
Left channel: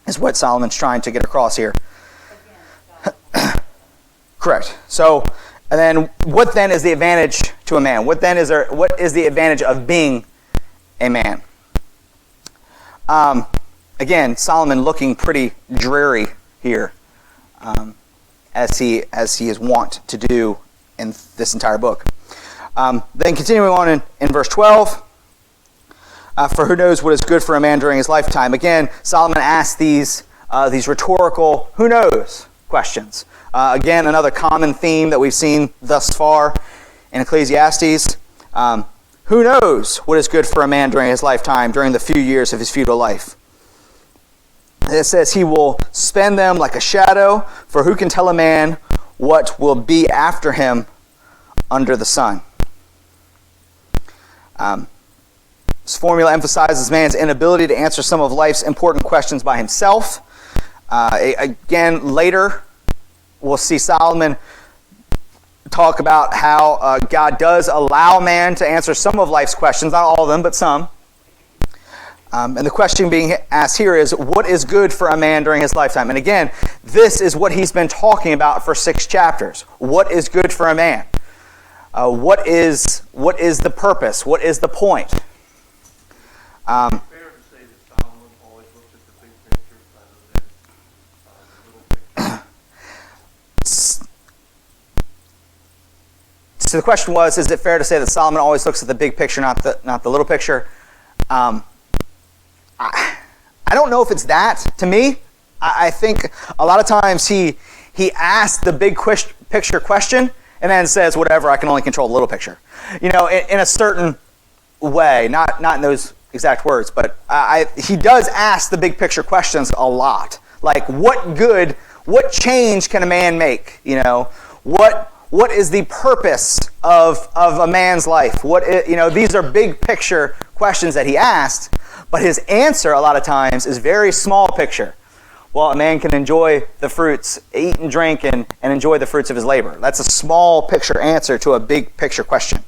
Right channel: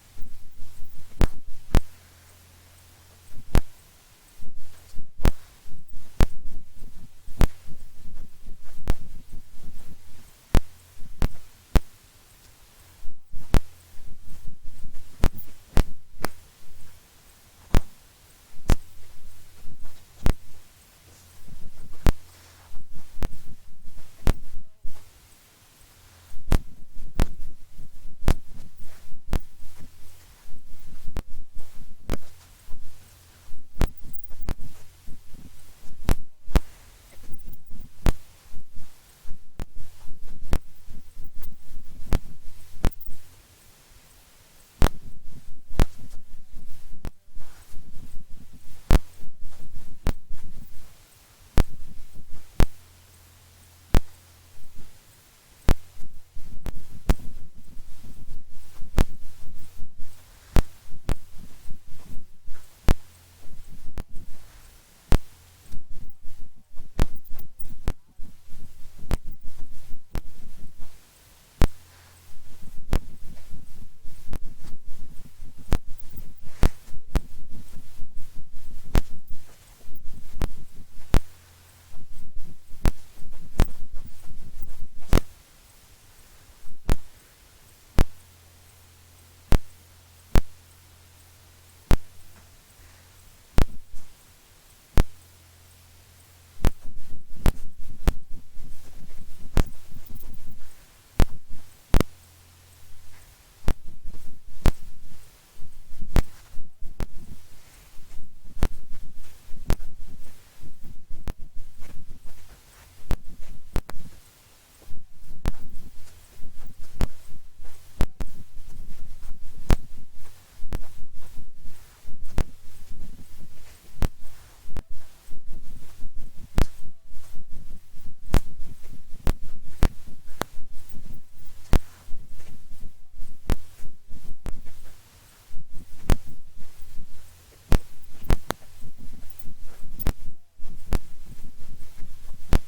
is what Solomon's trying to get across here. Correct. So, and then what then is the advantage to a man? What is the advantage of being a man? Again, Solomon looking pretty dreary here, as he is wont to do in this entire book. Then continuing on in verse 12, for who knows what is good for a man during his lifetime? Again, Solomon asks these these rhetorical "who knows" questions. Again, another common theme that we've seen thus far in Ecclesiastes. Who knows what is good for a man during his lifetime, during the few years of his futile life? It says he will spend them like a shadow, for who can tell a man what will be after him under the sun? This formula emphasizes man's inability to answer some of life's important questions by himself. Again, later, we'll see Solomon talk about how God does allow man to answer some of life's questions, not all of them, but some. And the question being asked here is, what is good for a man during his lifetime? And again, this is what he's been talking about for 6 chapters. What is good for a man? What is the purpose? What is the point? Fair to say that Solomon always looked at the big picture rather than the little picture. So the question was, is it fair to say that Solomon always looks at the big picture, not the little picture? I don't know if it's that. To me, I think a lot of times he asks the big picture question and then says, whatever, I can only control the little picture. In a certain way, not in those exact words, but he does ask the big picture questions a lot. Like, what change can a man make? What is the purpose of a man's life? These are big picture questions that he asked, but his answer a lot of times is very small picture. Well, a man can enjoy the fruits, eat and drink, and enjoy the fruits of his labor. That's a small picture answer to a big picture question,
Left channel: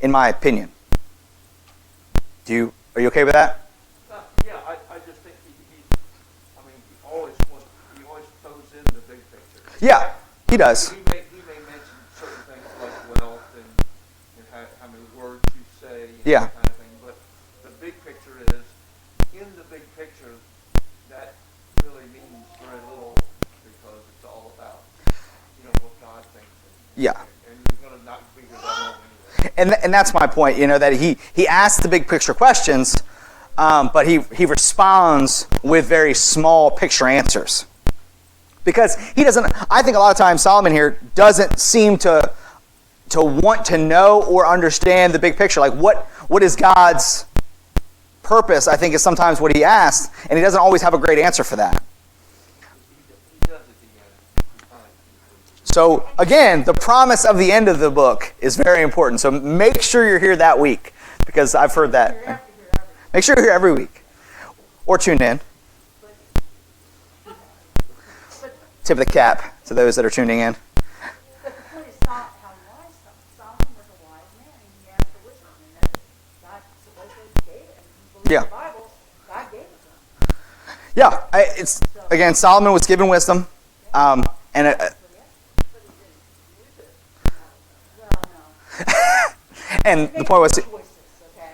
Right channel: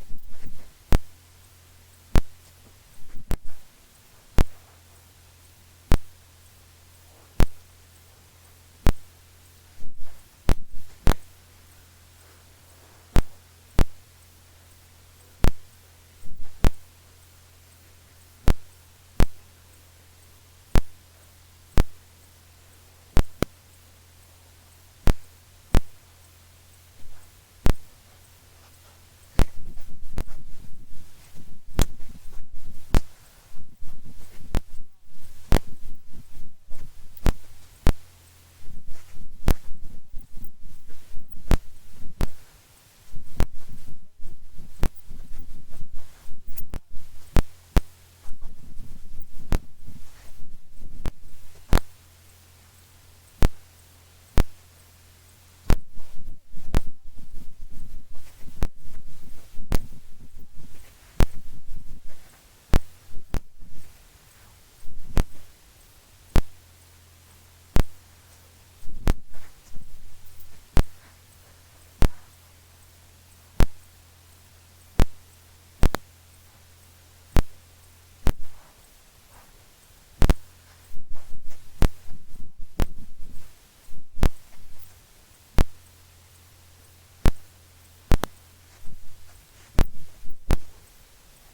in my opinion. Are you okay with that? Yeah, I just think he always throws in the big picture. Yeah, he does. He may mention certain things like wealth and how many words you say, and Yeah. that kind of thing. But the big picture is, in the big picture, that really means very little because it's all about what God thinks. Yeah. And you're going to not figure that out anyway. And that's my point, that he asks the big picture questions, but he responds with very small picture answers. Because he doesn't, I think a lot of times Solomon here doesn't seem to want to know or understand the big picture. Like what is God's purpose, I think is sometimes what he asks, and he doesn't always have a great answer for that. He does it. So again, the promise of the end of the book is very important. So make sure you're here that week, because I've heard that. Make sure you're here every week. Or tune in. Tip of the cap to those that are tuning in. But the point is not how wise Solomon was a wise man. He had the wisdom, and that God supposedly gave it. If you believe Yeah. the Bible, God gave it to him. Yeah, it's again, Solomon was given wisdom, and and the point was, Choices, okay?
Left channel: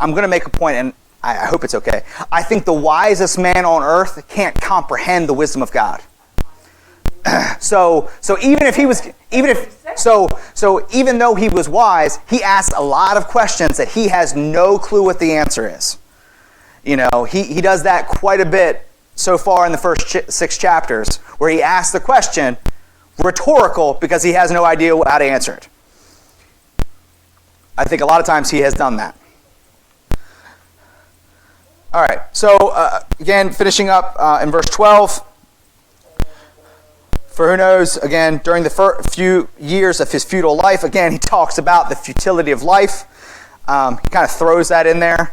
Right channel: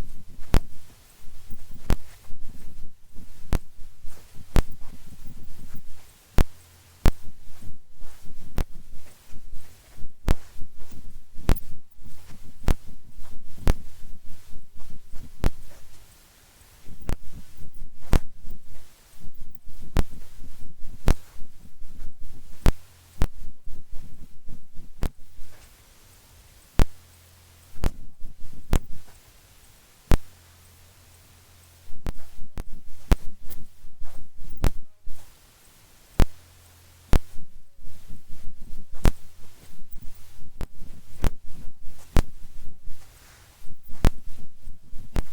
I'm going to make a point, and I hope it's okay. I think the wisest man on earth can't comprehend the wisdom of God. So even though he was wise, he asked a lot of questions that he has no clue what the answer is. He does that quite a bit so far in the first 6 chapters, where he asks the question rhetorical because he has no idea how to answer it. I think a lot of times he has done that. All right, so again, finishing up in verse 12. For who knows, again, during the few years of his futile life, again, he talks about the futility of life. He kind of throws that in there.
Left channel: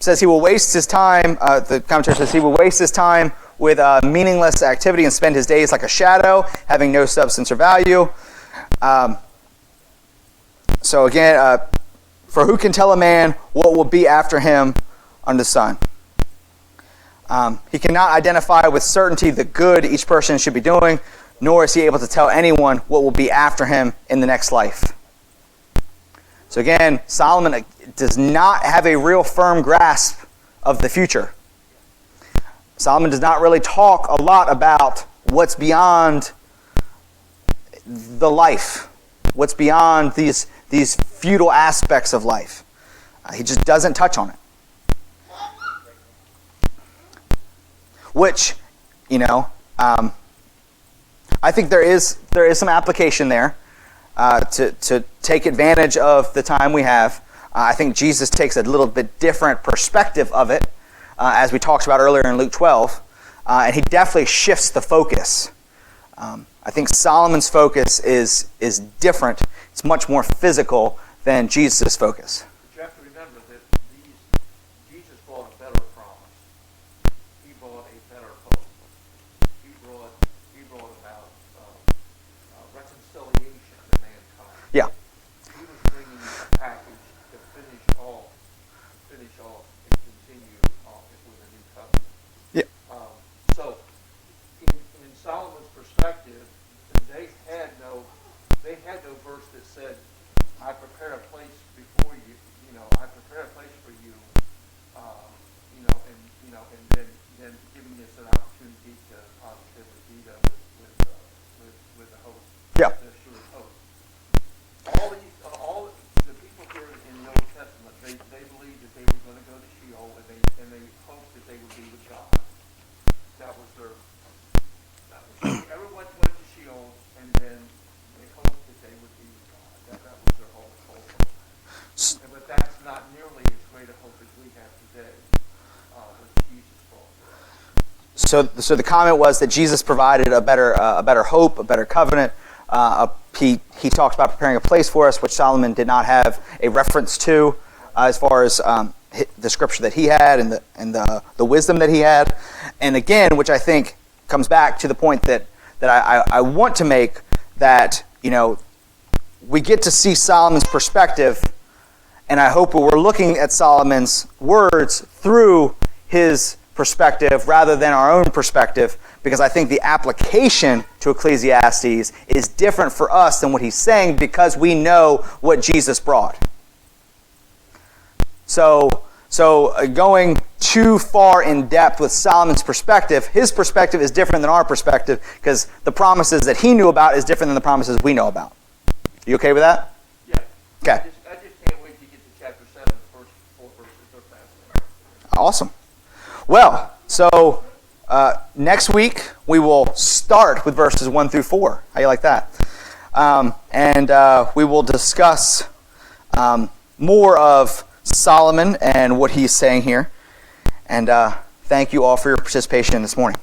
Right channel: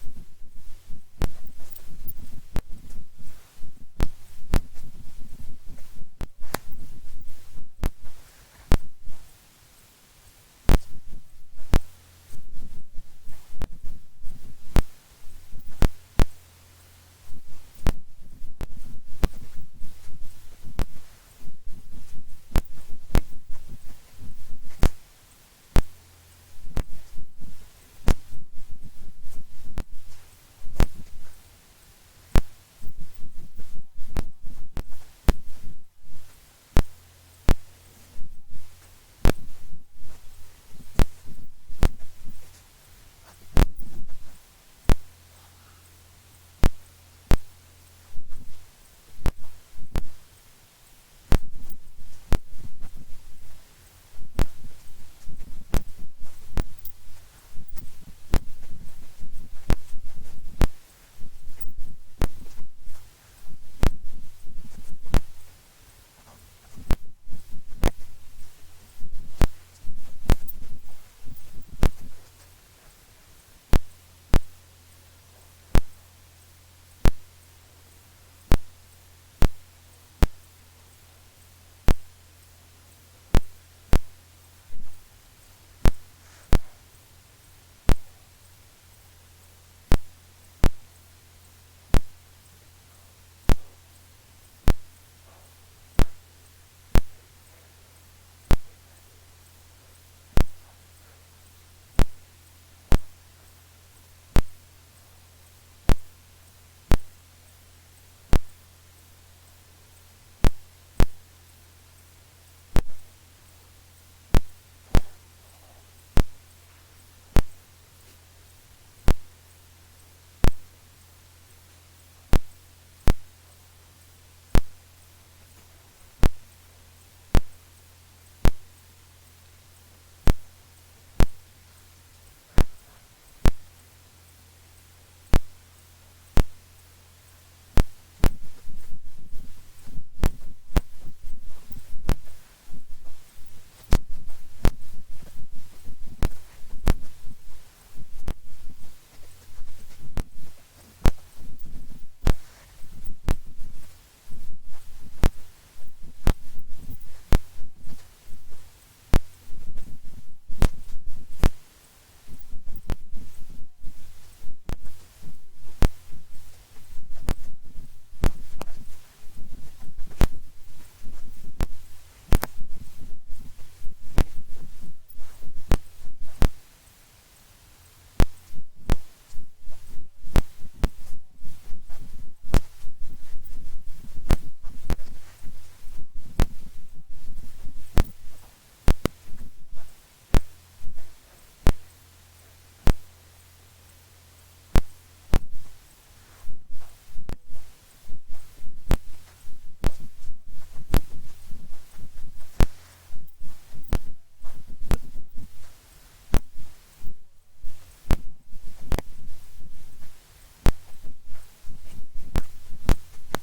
Says he will waste his time, the commentary says he will waste his time with meaningless activity and spend his days like a shadow, having no substance or value. So again, for who can tell a man what will be after him under the sun? He cannot identify with certainty the good each person should be doing, nor is he able to tell anyone what will be after him in the next life. So again, Solomon does not have a real firm grasp of the future. Solomon does not really talk a lot about what's beyond the life, what's beyond these futile aspects of life. He just doesn't touch on it. which, I think there is some application there to take advantage of the time we have. I think Jesus takes a little bit different perspective of it, as we talked about earlier in Luke 12, and he definitely shifts the focus. I think Solomon's focus is different. It's much more physical than Jesus' focus. You have to remember that Jesus brought a better promise. He brought a better hope. He brought about reconciliation to mankind. Yeah. He was bringing the package to finish off and continue on with a new covenant. Yeah. So, in Solomon's perspective, they had no verse that said, "I prepare a place before you. I prepare a place for you." And then giving us an opportunity to be with the hope. Yeah. The sure hope. All the people here in the Old Testament, they believed that they were going to go to Sheol, and they hoped that they would be with God. That was their. Everyone went to Sheol, and then they hoped that they would be with God. That was their whole hope. But that's not nearly as great a hope as we have today. With Jesus brought. So the comment was that Jesus provided a better hope, a better covenant. He talked about preparing a place for us, which Solomon did not have a reference to, as far as the scripture that he had and the wisdom that he had. And again, which I think comes back to the point that I want to make, that we get to see Solomon's perspective, and I hope we're looking at Solomon's words through his perspective rather than our own perspective, because I think the application to Ecclesiastes is different for us than what he's saying, because we know what Jesus brought. So going too far in depth with Solomon's perspective, his perspective is different than our perspective, because the promises that he knew about is different than the promises we know about. You okay with that? Yeah. Okay. I just can't wait to get to chapter 7, the first 4 verses of that. Awesome. Well, so next week we will start with verses 1 through 4. How you like that? And we will discuss more of Solomon and what he's saying here. And thank you all for your participation this morning.